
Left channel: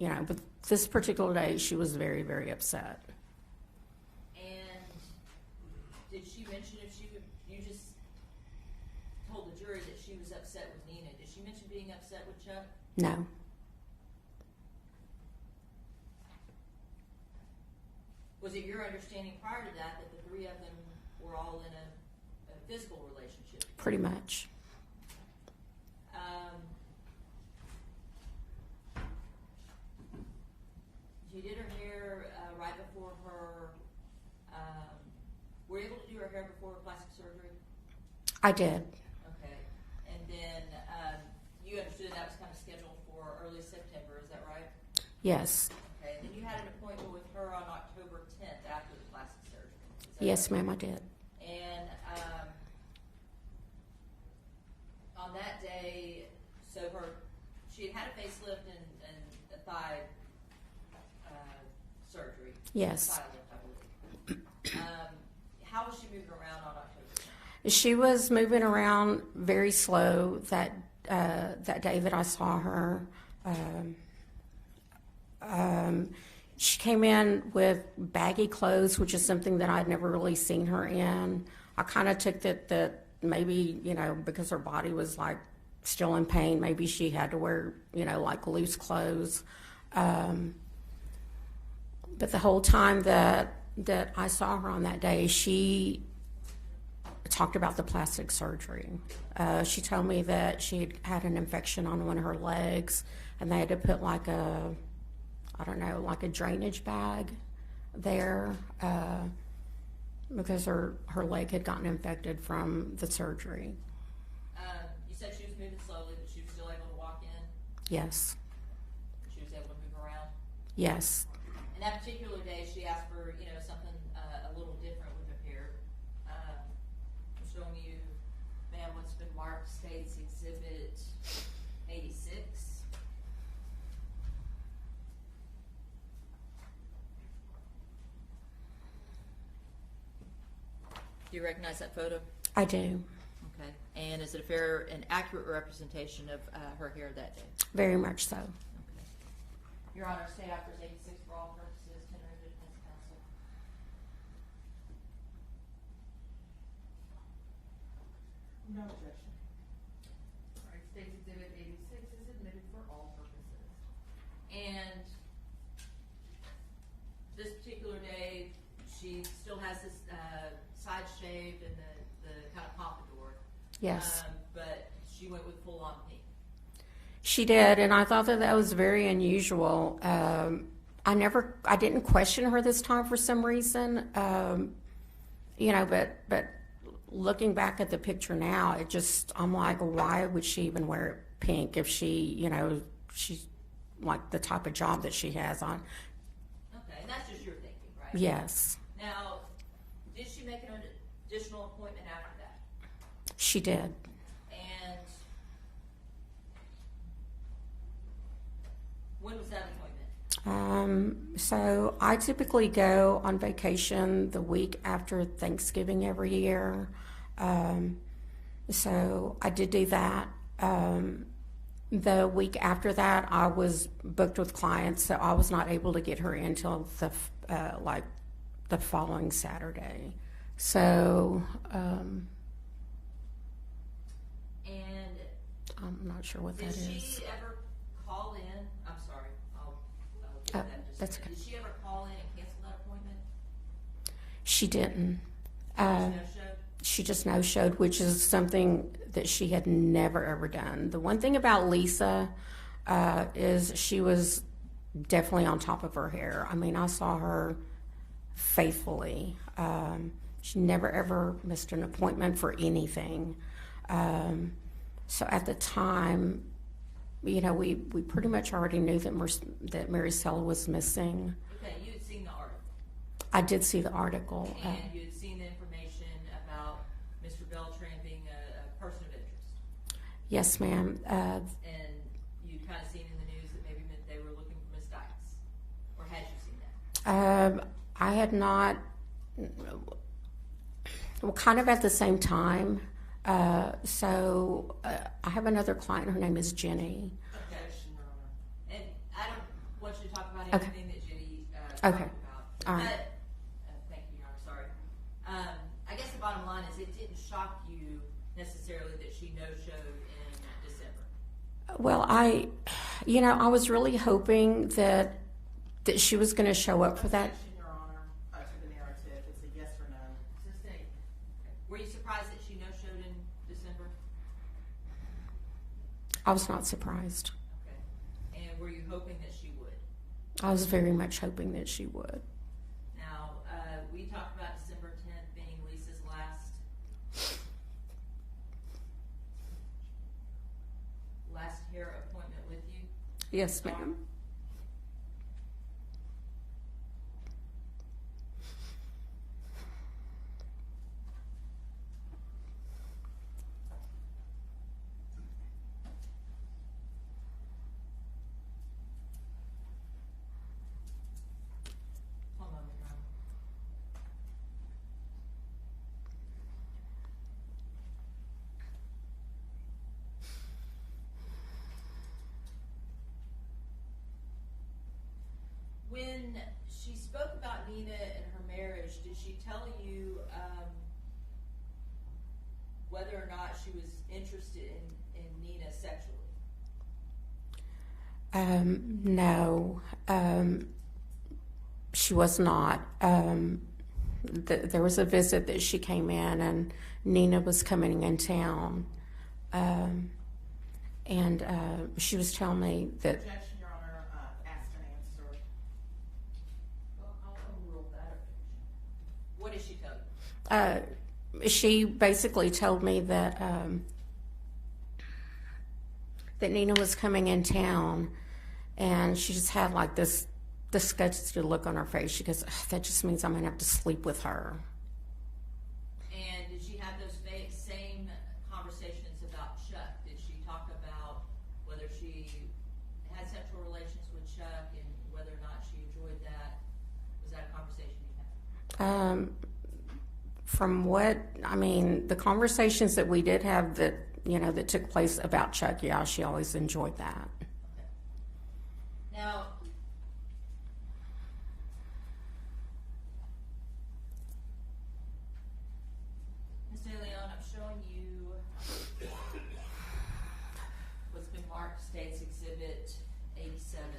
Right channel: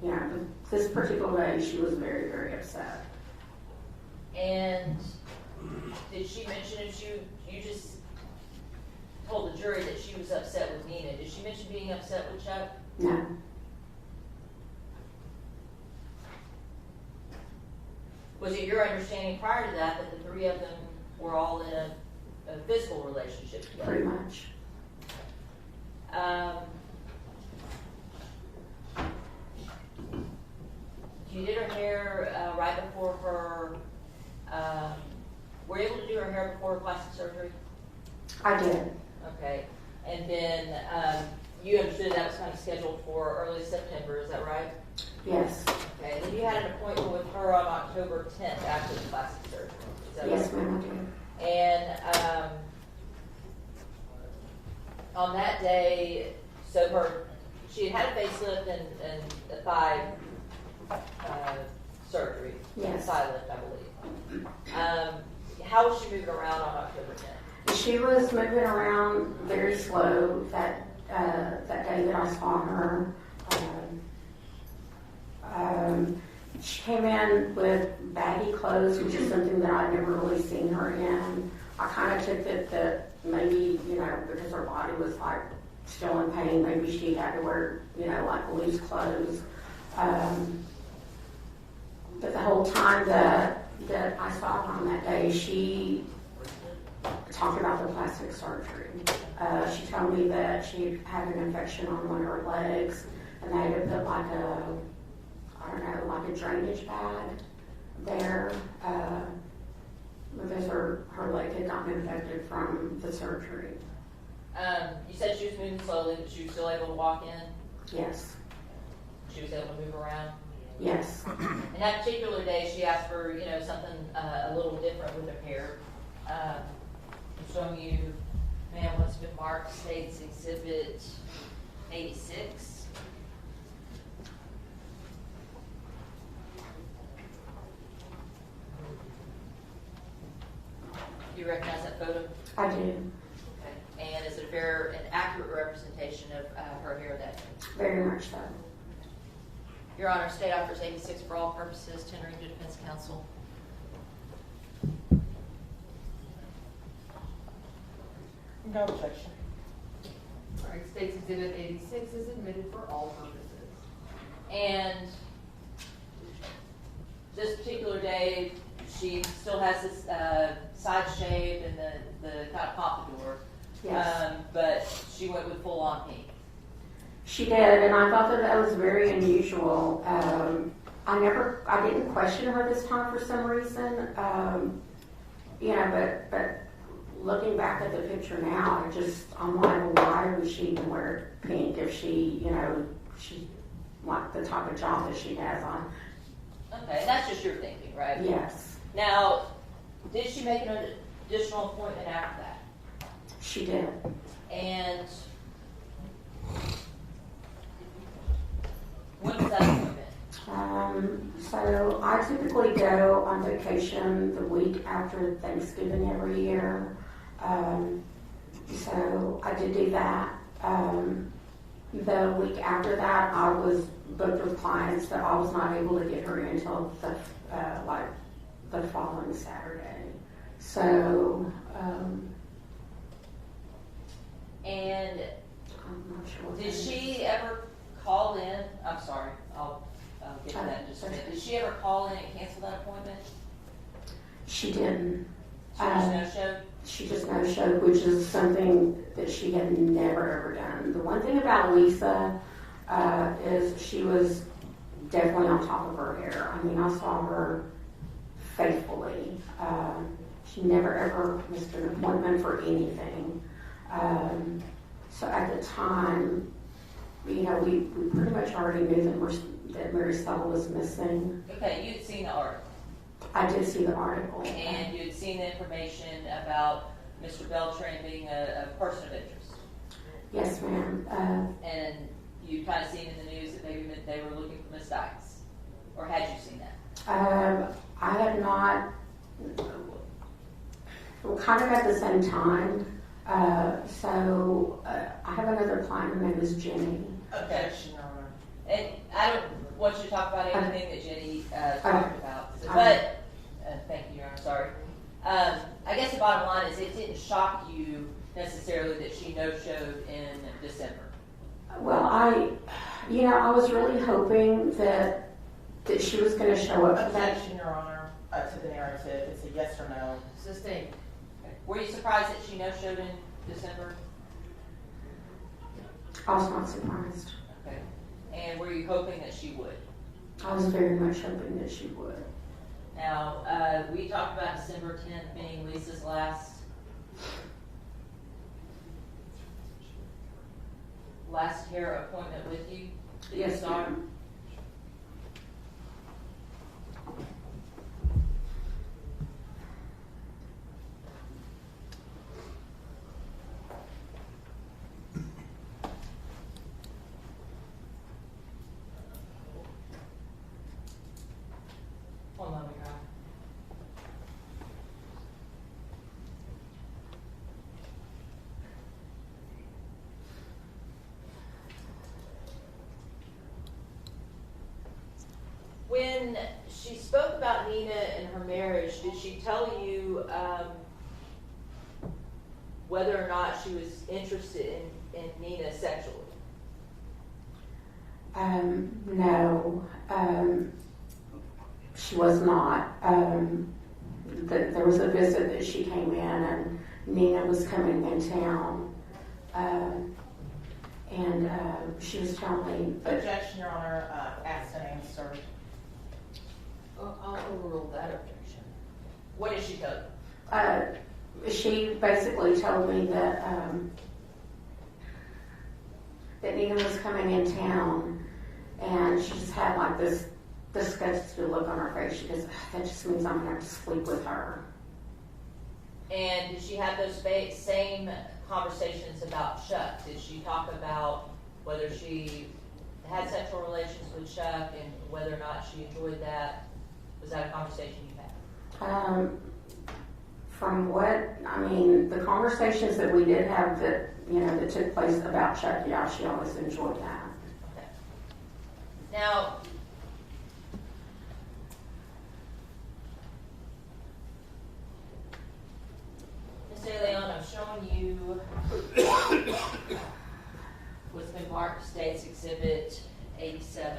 you know, but this particular day, she was very, very upset. And did she mention if you just told the jury that she was upset with Nina? Did she mention being upset with Chuck? No. Was it your understanding prior to that the three of them were all in a physical relationship together? Pretty much. You did her hair right before her, were you able to do her hair before her plastic surgery? I did. Okay, and then you understood that was kind of scheduled for early September, is that right? Yes. Okay, and then you had an appointment with her on October 10th after the plastic surgery. Is that Yes, right? ma'am, I did. And on that day, so she had a facelift and a thigh surgery. Yes. Thigh lift, I believe. How was she moving around on October 10th? She was moving around very slow that day that I saw her. She came in with baggy clothes, which is something that I'd never really seen her in. I kind of took that maybe, you know, because her body was like still in pain, maybe she had to wear, you know, like loose clothes. But the whole time that I saw her on that day, she talked about the plastic surgery. She told me that she had an infection on one of her legs, and they had to put like a drainage bag there because her leg had gotten infected from the surgery. You said she was moving slowly, but she was still able to walk in? Yes. She was able to move around? Yes. And that particular day, she asked for, you know, something a little different with her hair. I'm showing you, ma'am, what's been marked, States Exhibit 86. Do you recognize that photo? I do. Okay. And is it a fair and accurate representation of her hair that day? Very much so. Your Honor, State offers 86 for all purposes, tendering to defense counsel. No objection. All right, State's Exhibit 86 is admitted for all purposes. And this particular day, she still has this side shave and the kind of pompadour. Yes. But she went with full on pink. She did, and I thought that was very unusual. I didn't question her this time for some reason. You know, but looking back at the picture now, I'm like, why would she even wear pink if she's like the type of job that she has on? Okay, that's just your thinking, right? Yes. Now, did she make an additional appointment after that? She did. And when was that appointment? So I typically go on vacation the week after Thanksgiving every year. So I did do that. The week after that, I was booked with clients, so I was not able to get her in until the following Saturday. So, and I'm not sure what did that is. she ever call in? I'm sorry, I'll get to that in just a that's minute. okay. Did she ever call in and cancel that appointment? She didn't. She just no-showed? She just no-showed, which is something that she had never ever done. The one thing about Lisa is she was definitely on top of her hair. I mean, I saw her faithfully. She never ever missed an appointment for anything. So at the time, you know, we pretty much already knew that Marisela was missing. Okay, you'd seen the article, I did see the article. and you'd seen the information about Mr. Beltran being a person of interest. Yes, ma'am. And you kind of seen in the news that maybe they were looking for Ms. Dykes, or had you seen that? I have not, well, kind of at the same time. So I have another client, her name is Jenny. Okay. And I don't want you to talk about everything that Jenny talked about, All but, thank you, I'm sorry. I guess the bottom line is it didn't shock you necessarily that she no-showed in December. Well, I was really hoping that she was going to show up for that. Objection, Your Honor, to the narrative. It's a yes or no. Sustained. Were you surprised that she no-showed in December? I was not surprised. Okay. And were you hoping that she would? I was very much hoping that she would. Now, we talked about December 10th being Lisa's last hair appointment with you. Yes, Daughter? ma'am. One moment, Your Honor. When she spoke about Nina and her marriage, did she tell you whether or not she was interested in Nina sexually? No, she was not. There was a visit that she came in, and Nina was coming in town, and she was telling me that. Objection, Your Honor. Asked and answered. I'll overrule that objection. What did she tell you? She basically told me that that Nina was coming in town, and she just had like this disgusted look on her face. She goes, "That just means I'm gonna have to sleep with her." And did she have those same conversations about Chuck? Did she talk about whether she had sexual relations with Chuck and whether or not she enjoyed that? Was that a conversation you had? From the conversations that we did have that took place about Chuck, yeah, she always enjoyed that. Okay. Now, Ms. De Leon, I'm showing you what's been marked State's Exhibit 87.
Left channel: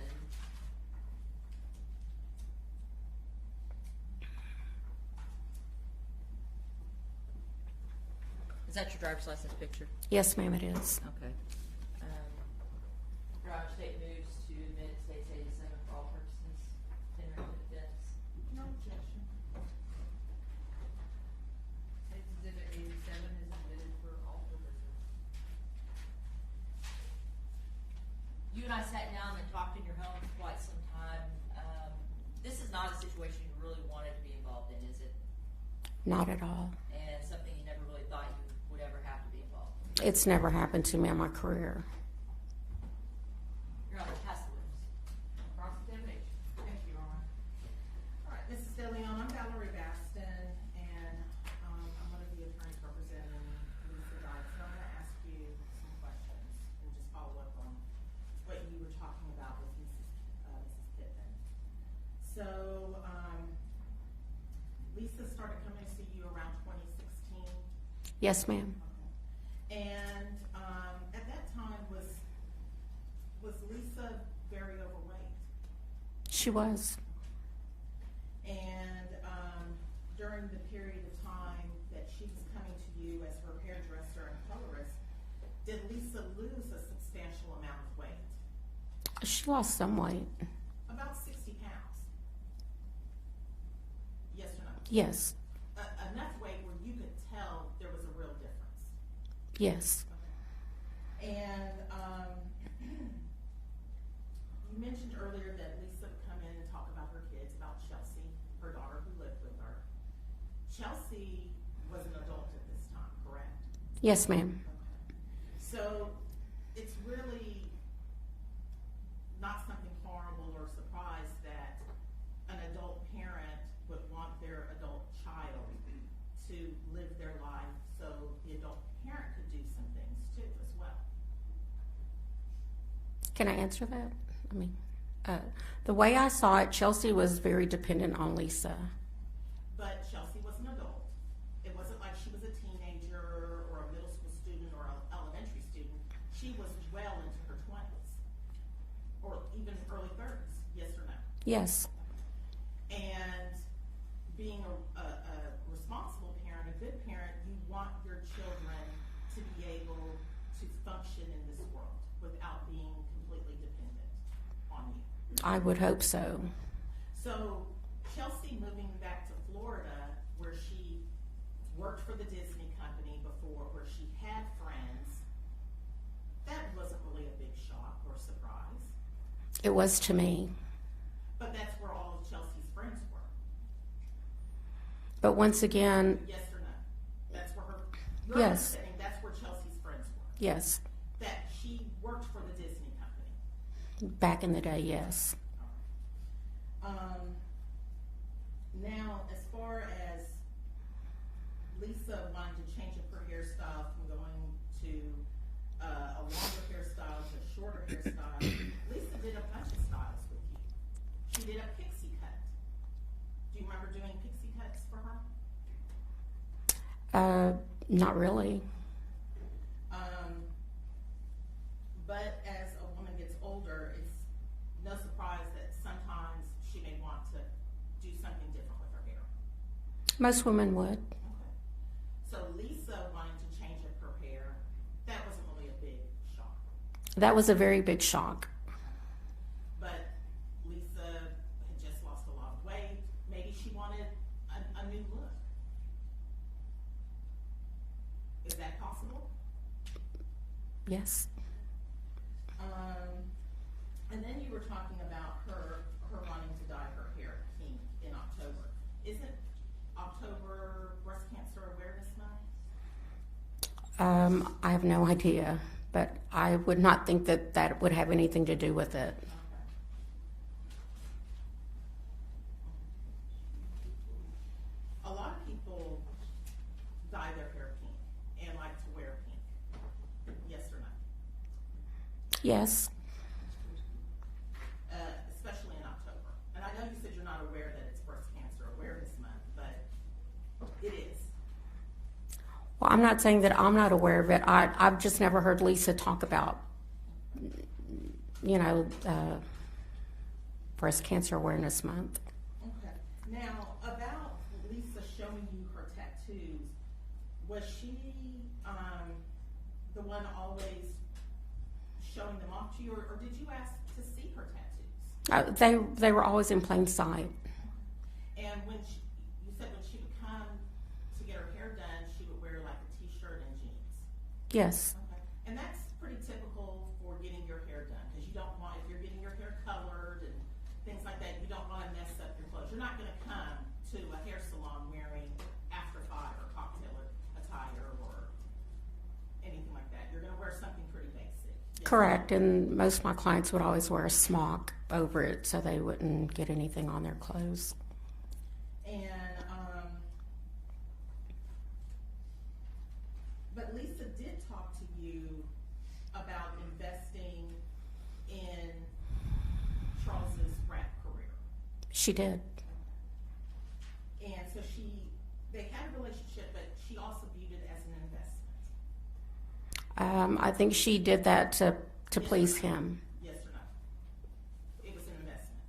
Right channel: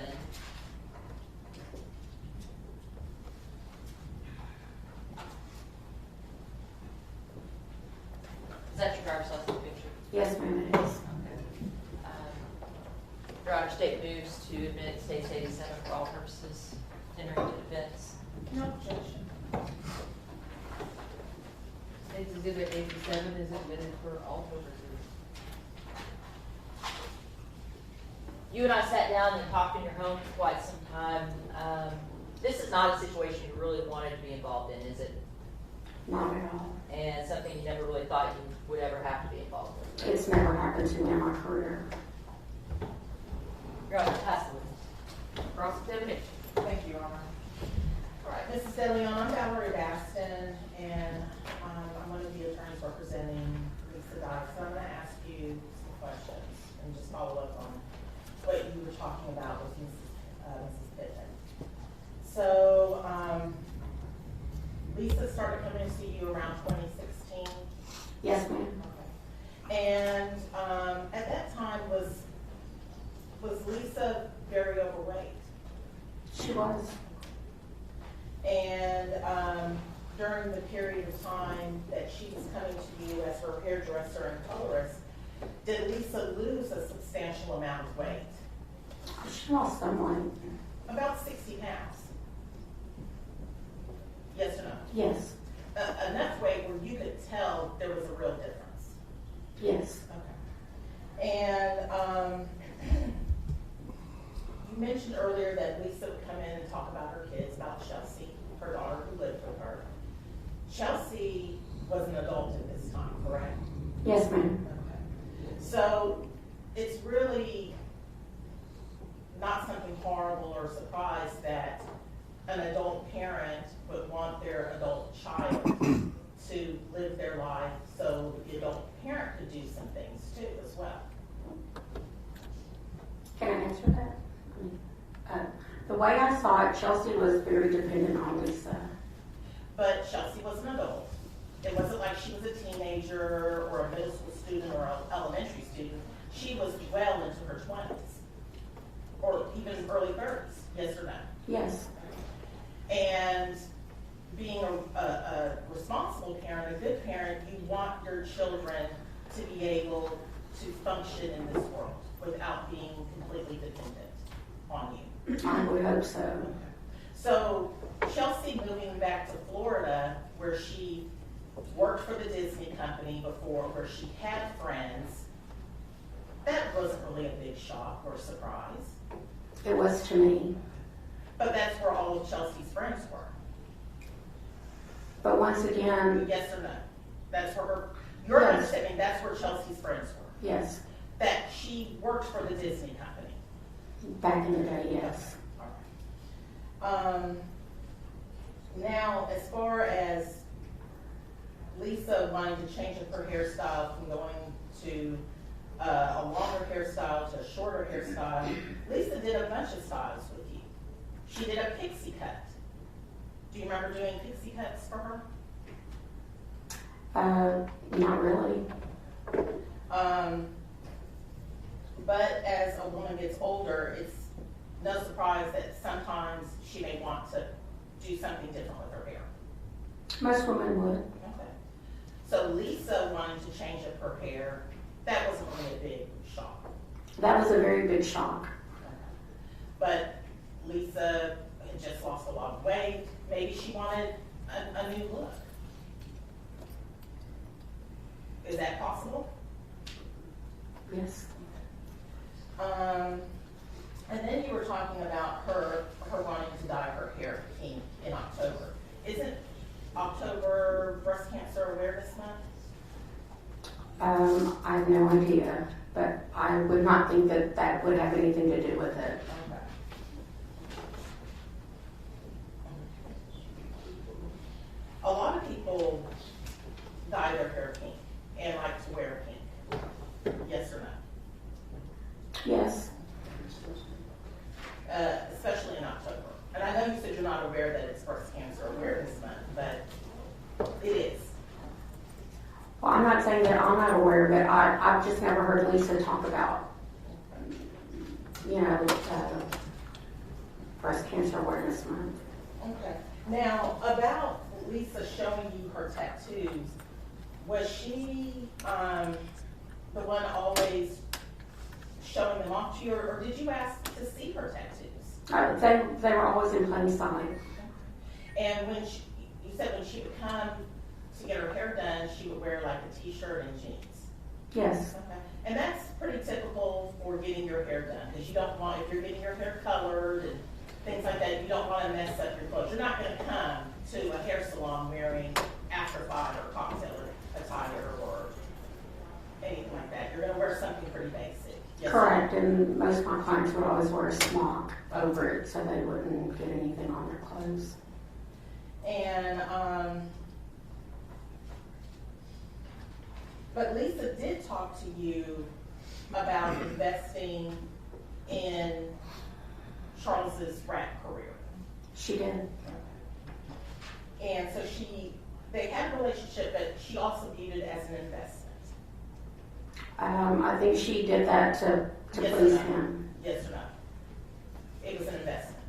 Is that your driver's license picture? Yes, ma'am, it is. Your Honor, State moves to admit State's 87 for all purposes, entering into defense. No objection. State's Exhibit 87 is admitted for all purposes. You and I sat down and talked in your home for quite some time. This is not a situation you really wanted to be involved in, is it? Not at all. And something you never really thought you would ever have to be involved with? It's never happened to me in my career. Your Honor, pass the witness. Cross-examination. Thank you, Your Honor. All right, Mrs. De Leon, I'm Valerie Baston, and I'm one of the attorneys representing Lisa Dykes. So I'm going to ask you some questions and just follow up on what you were talking about with Mrs. Pittman. So, Lisa started coming to see you around 2016. Yes, ma'am. Okay. And at that time, was Lisa very overweight? She was. And during the period of time that she was coming to you as her hairdresser and colorist, did Lisa lose a substantial amount of weight? She lost some weight. About 60 pounds. Yes or no? Yes. Enough weight where you could tell there was a real difference. Yes. Okay. And mentioned earlier that Lisa would come in and talk about her kids, about Chelsea, her daughter who lived with her. Chelsea was an adult at this time, correct? Yes, ma'am. Okay. So it's really not something horrible or a surprise that an adult parent would want their adult child to live their life so the adult parent could do some things too as well. Can I answer that? I mean, the way I saw it, Chelsea was very dependent on Lisa. But Chelsea was an adult. It wasn't like she was a teenager or a middle school student or an elementary student. She was well into her 20s or even early 30s, yes or no? Yes. And being a responsible parent, a good parent, you want your children to be able to function in this world without being completely dependent on you. I would hope so. So Chelsea moving back to Florida, where she worked for the Disney company before, where she had friends, that wasn't really a big shock or surprise. It was to me. But that's where all of Chelsea's friends were. But once again, Yes or no? That's where her, you're Yes. understanding, that's where Chelsea's friends were. yes, That she worked for the Disney company. back in the day, yes. Now, as far as Lisa wanting to change up her hairstyle from going to a longer hairstyle to a shorter hairstyle, Lisa did a bunch of styles with you. She did a pixie cut. Do you remember doing pixie cuts for her? Not really. But as a woman gets older, it's no surprise that sometimes she may want to do something different with her hair. Most women would. Okay. So Lisa wanting to change up her hair, that wasn't really a big shock. That was a very big shock. But Lisa had just lost a lot of weight. Maybe she wanted a new look. Is that possible? Yes. And then you were talking about her wanting to dye her hair pink in October. Isn't October Breast Cancer Awareness Month? I have no idea, but I would not think that that would have anything to do with it. Okay. A lot of people dye their hair pink and like to wear pink. Yes or no? Yes. Especially in October. And I know you said you're not aware that it's Breast Cancer Awareness Month, but it is. Well, I'm not saying that I'm not aware of it. I've just never heard Lisa talk about, Breast Cancer Awareness Month. Okay. Now, about Lisa showing you her tattoos, was she the one always showing them off to you, or did you ask to see her tattoos? They were always in plain sight. And when you said when she would come to get her hair done, she would wear like a t-shirt and jeans. Yes. Okay. And that's pretty typical for getting your hair done, because you don't want, if you're getting your hair colored and things like that, you don't want to mess up your clothes. You're not going to come to a hair salon wearing after 5 or cocktail attire or anything like that. You're going to wear something pretty basic. Yes. Correct, and most of my clients would always wear a smock over it so they wouldn't get anything on their clothes. And, but Lisa did talk to you about investing in Charles's rap career. She did. And so they had a relationship, but she also viewed it as an investment. I think she did that to Yes please or no? him. Yes or no? It was an investment.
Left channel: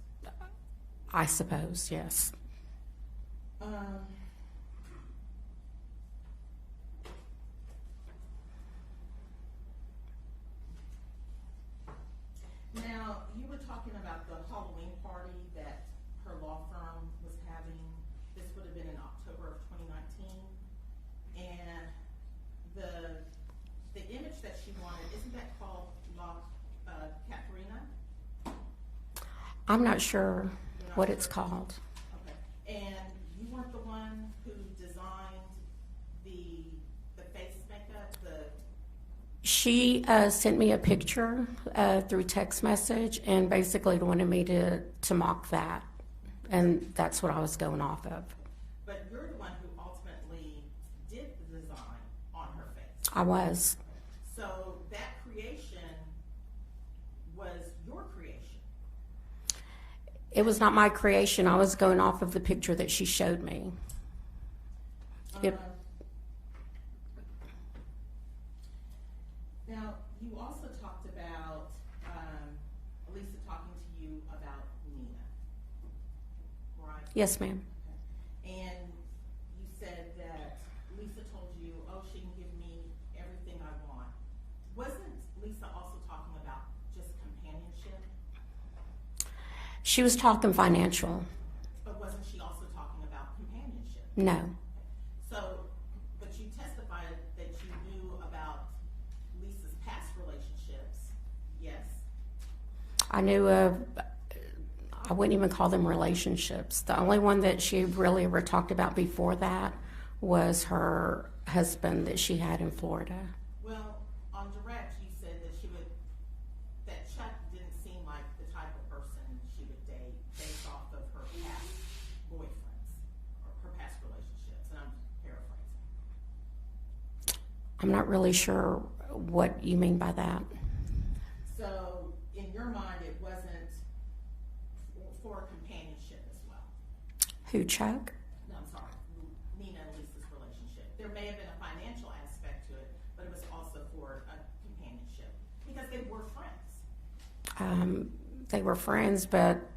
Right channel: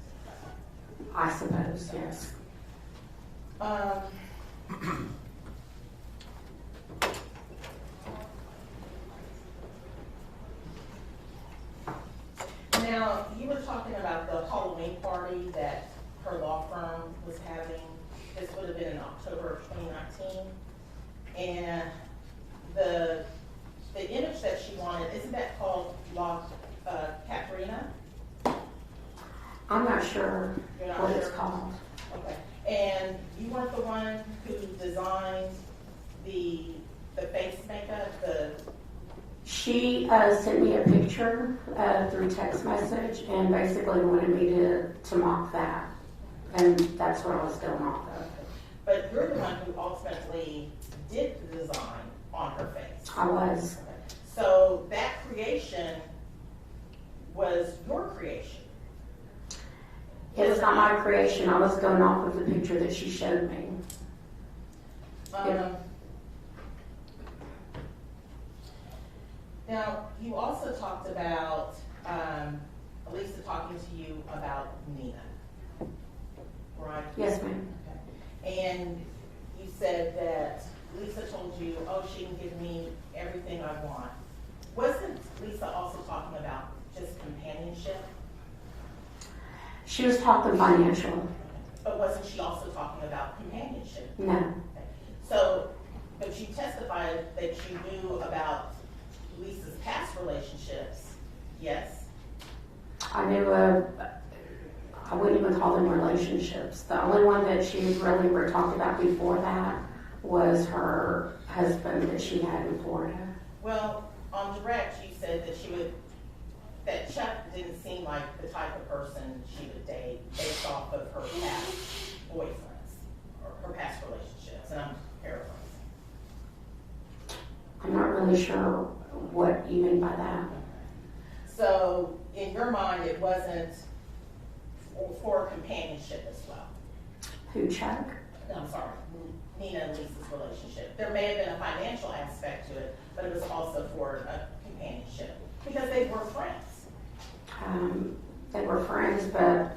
I suppose, yes. Now, you were talking about the Halloween party that her law firm was having. This would have been in October of 2019. And the image that she wanted, isn't that called La Catarina? I'm not sure You're not what it's sure? called. Okay, and you weren't the one who designed the face makeup, She sent me a picture through text message and basically wanted me to mock that. And that's what I was going off of. but you're the one who ultimately did the design on her face. I was. So that creation was your creation. It was not my creation. I was going off of the picture that she showed me. Now, you also talked about Lisa talking to you about Nina, right? Yes, ma'am. Okay. And you said that Lisa told you, oh, she can give me everything I want. Wasn't Lisa also talking about just companionship? She was talking financial. But wasn't she also talking about companionship? No. Okay. So, but you testified that you knew about Lisa's past relationships, yes? I knew I wouldn't even call them relationships. The only one that she really ever talked about before that was her husband that she had in Florida. Well, on direct, you said that Chuck didn't seem like the type of person she would date based off of her past boyfriends or her past relationships, and I'm paraphrasing. I'm not really sure what you mean by that. So, in your mind, it wasn't for companionship as well? Who, Chuck? No, I'm sorry, Nina and Lisa's relationship. There may have been a financial aspect to it, but it was also for a companionship, because they were friends. They were friends, but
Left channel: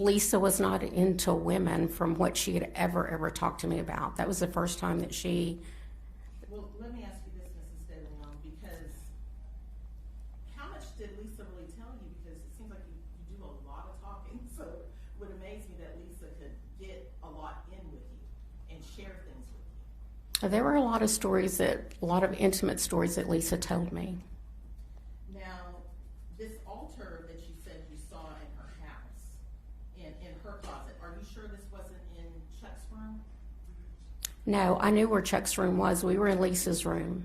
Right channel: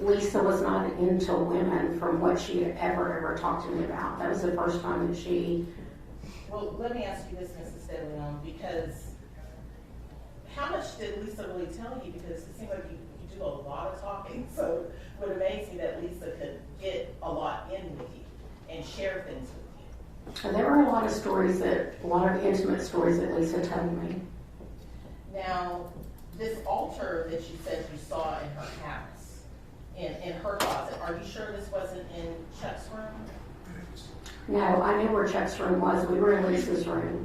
Lisa was not into women from what she had ever talked to me about. That was the first time that she... Well, let me ask you this, Mrs. De Leon, because how much did Lisa really tell you? Because it seems like you do a lot of talking, so it would amaze me that Lisa could get a lot in with you and share things with you. There were a lot of stories a lot of intimate stories that Lisa told me. Now, this altar that you said you saw in her house, in her closet, are you sure this wasn't in Chuck's room? No, I knew where Chuck's room was. We were in Lisa's room.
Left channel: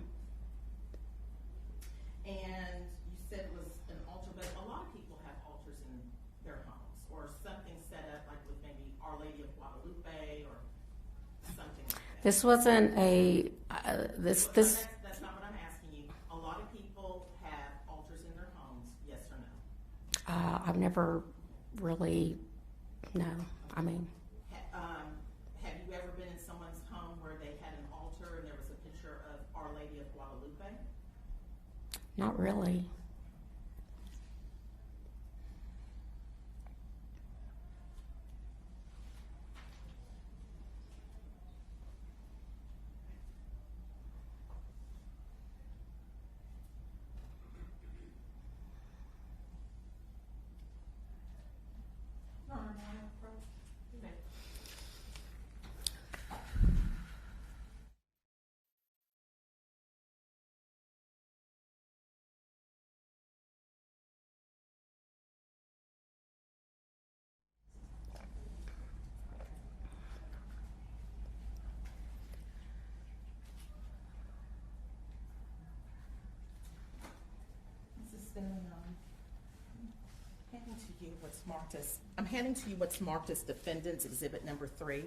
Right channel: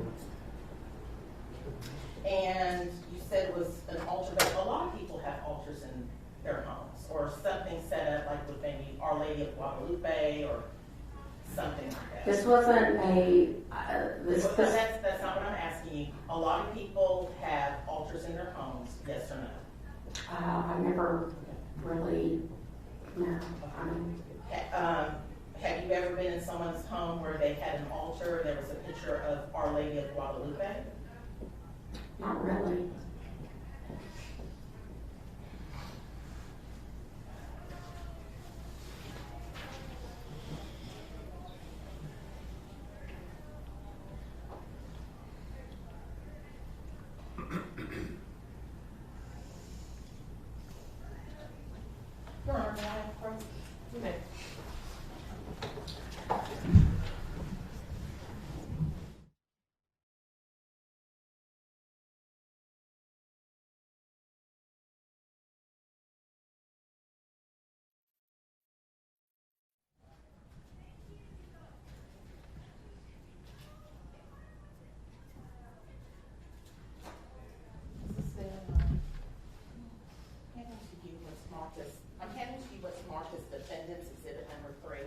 And you said it was an altar, but a lot of people have altars in their homes, or something set up like with maybe Our Lady of Guadalupe or something like that. This wasn't a That's not what I'm asking you. A lot of people have altars in their homes, yes or no? I've never really, no. I mean, have you ever been in someone's home where they had an altar and there was a picture of Our Lady of Guadalupe? not really. Your Honor, may I approach? You may. I'm handing to you what's marked as Defendant's Exhibit Number 3.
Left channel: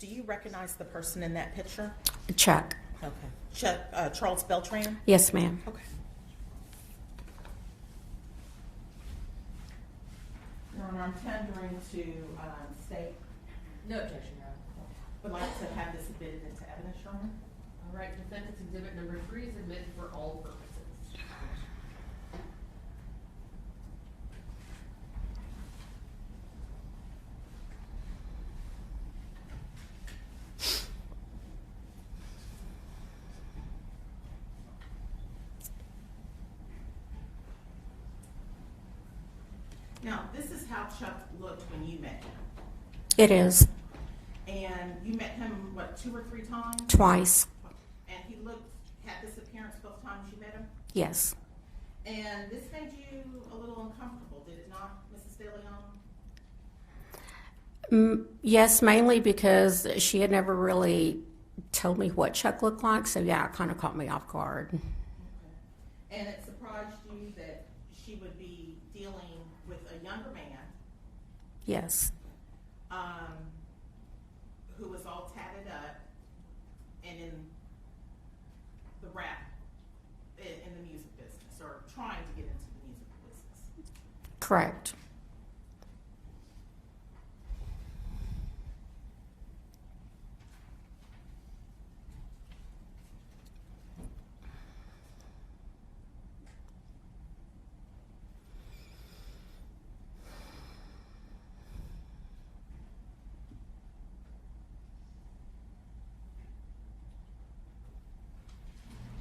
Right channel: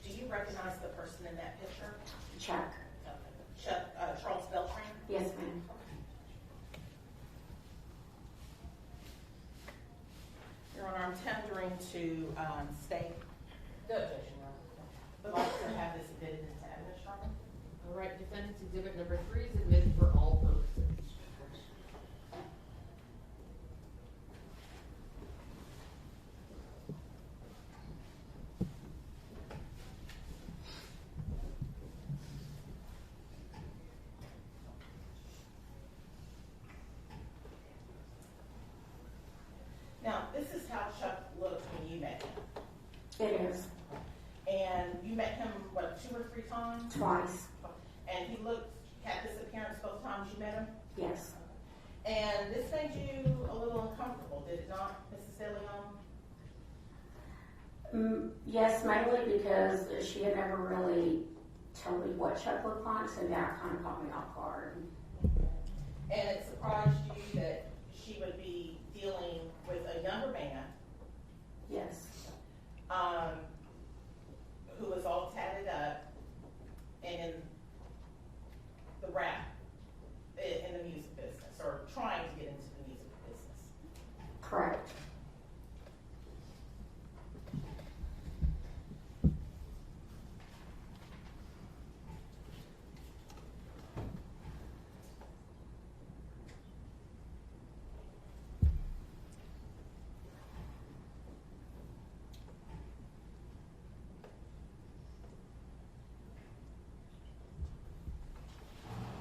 Do you recognize the person in that picture? Chuck. Okay. Charles Beltran? Yes, ma'am. Okay. Your Honor, I'm tendering to state, No objection, Your Honor. would like to have this admitted into evidence, Your Honor. All right, defendant's exhibit number 3 is admitted for all purposes. Now, this is how Chuck looked when you met him. It is. And you met him, what, 2 or 3 times? Twice. And he had this appearance both times you met him? Yes. And this made you a little uncomfortable, did it not, Mrs. Dillon? Yes, mainly because she had never really told me what Chuck looked like, so yeah, it kind of caught me off guard. And it surprised you that she would be dealing with a younger man, Yes. who was all tatted up and in the rap, in the music business, or trying to get into the music business. Correct.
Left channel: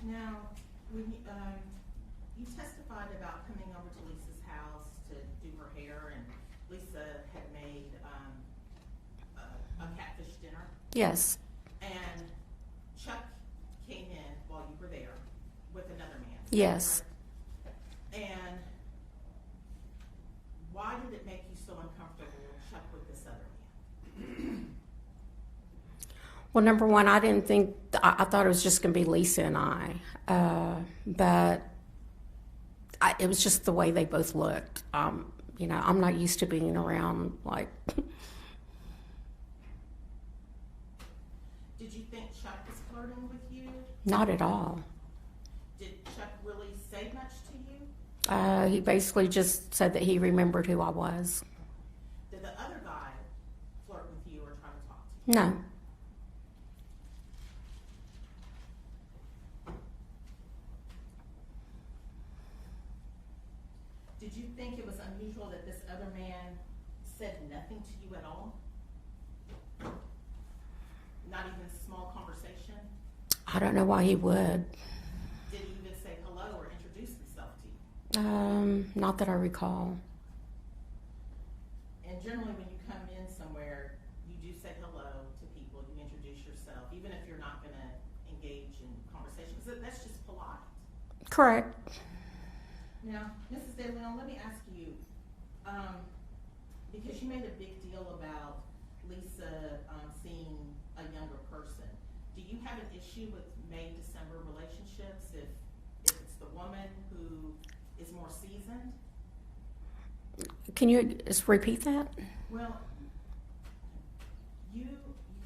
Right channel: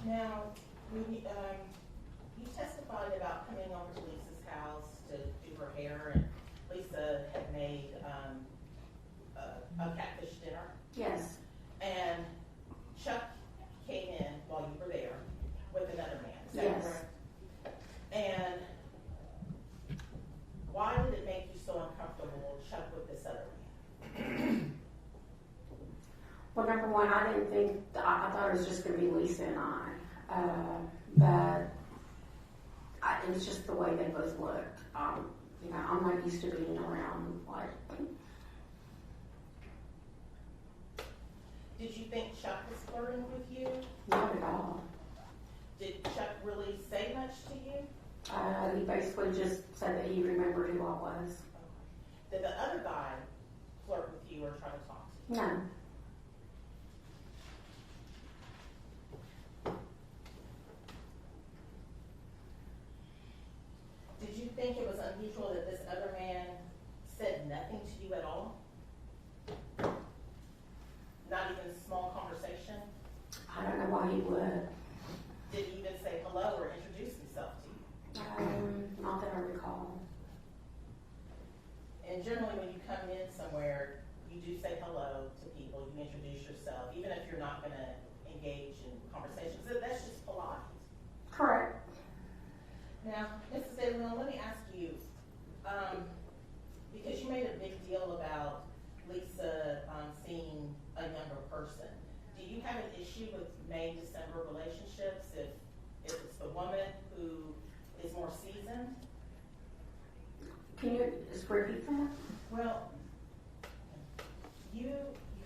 Now, when you testified about coming over to Lisa's house to do her hair, and Lisa had made a catfish dinner, Yes. and Chuck came in while you were there with another man. Is that Yes. correct? And why did it make you so uncomfortable, Chuck, with this other man? Well, number one, I didn't think, I thought it was just going to be Lisa and I. But it was just the way they both looked. You know, I'm not used to being around, like. Did you think Chuck was flirting with you? Not at all. Did Chuck really say much to you? He basically just said that he remembered who I was. Did the other guy flirt with you or try to talk to you? No. Did you think it was unusual that this other man said nothing to you at all? Not even a small conversation? I don't know why he would. Did he even say hello or introduce himself to you? Not that I recall. And generally when you come in somewhere, you do say hello to people, you introduce yourself, even if you're not gonna engage in conversations. That's just polite. Correct. Now, Mrs. De Leon, let me ask you, because you made a big deal about Lisa seeing a younger person. Do you have an issue with May-December relationships if it's the woman who is more seasoned? Can you just repeat that? Well, you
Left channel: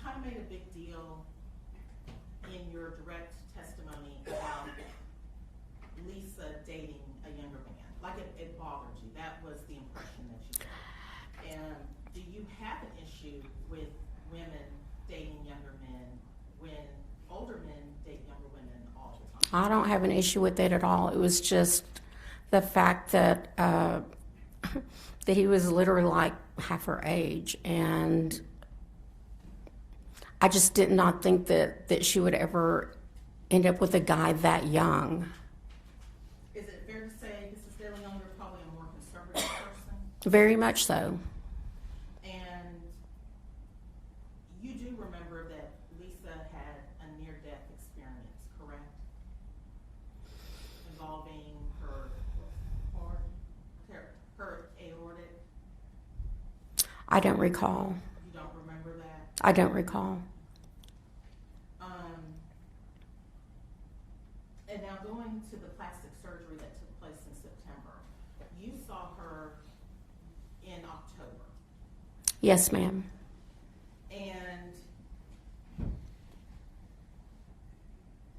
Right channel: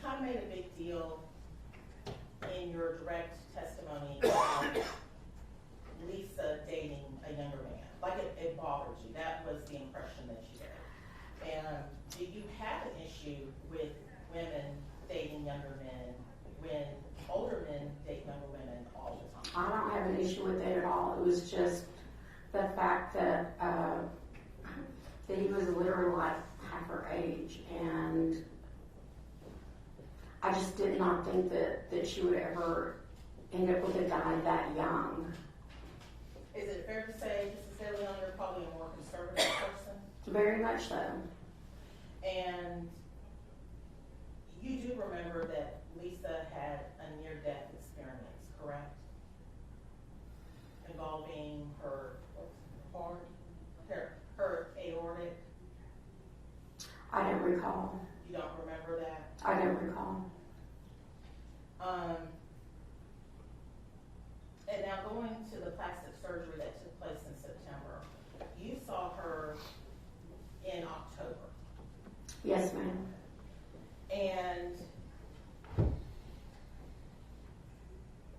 kind of made a big deal in your direct testimony about Lisa dating a younger man. Like it bothered you. That was the impression that you got. And do you have an issue with women dating younger men when older men date younger women all the time? I don't have an issue with that at all. It was just the fact that that he was literally like half her age, and I just did not think that she would ever end up with a guy that young. Is it fair to say, Mrs. De Leon, you're probably a more conservative person? Very much so. And you do remember that Lisa had a near-death experience, correct? Involving her heart, her aortic. I don't recall. You don't remember that? I don't recall. And now going to the plastic surgery that took place in September, you saw her in October. Yes, ma'am. And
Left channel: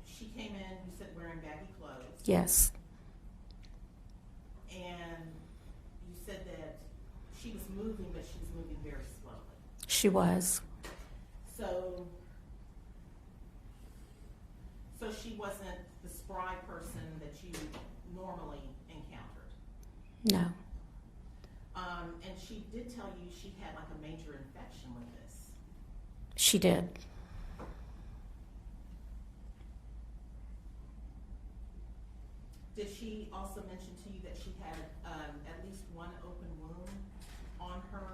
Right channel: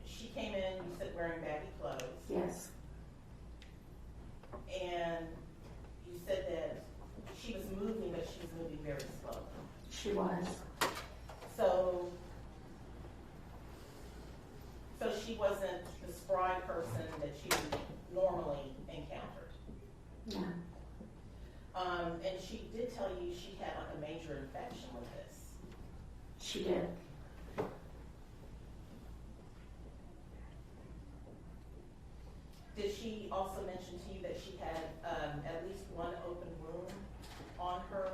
she came in, you said wearing baggy clothes. Yes. And you said that she was moving, but she was moving very slowly. She was. So she wasn't the spry person that you normally encountered. No. And she did tell you she had like a major infection with this. She did. Did she also mention to you that she had at least one open wound on her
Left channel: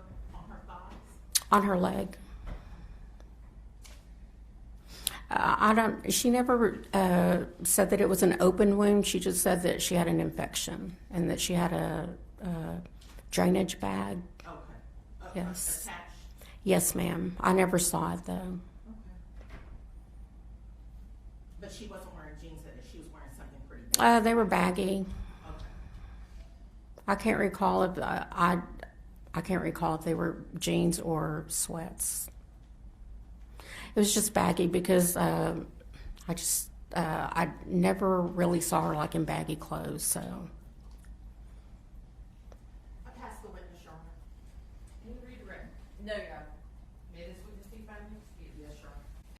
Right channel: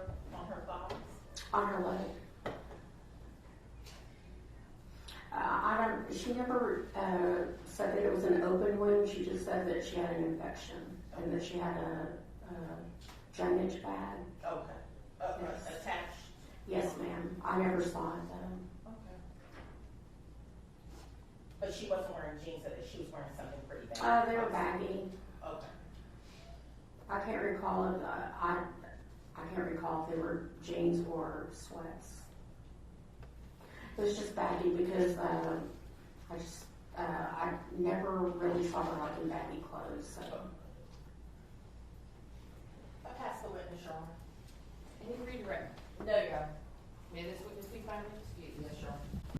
thighs? On her leg. She never said that it was an open wound. She just said that she had an infection and that she had a drainage bag. Okay. Yes. Attached Yes, ma'am. I never saw it though. Okay. But she wasn't wearing jeans, that she was wearing something pretty bad? They were baggy. Okay. I can't recall if I can't recall if they were jeans or sweats. It was just baggy because I never really saw her like in baggy clothes. So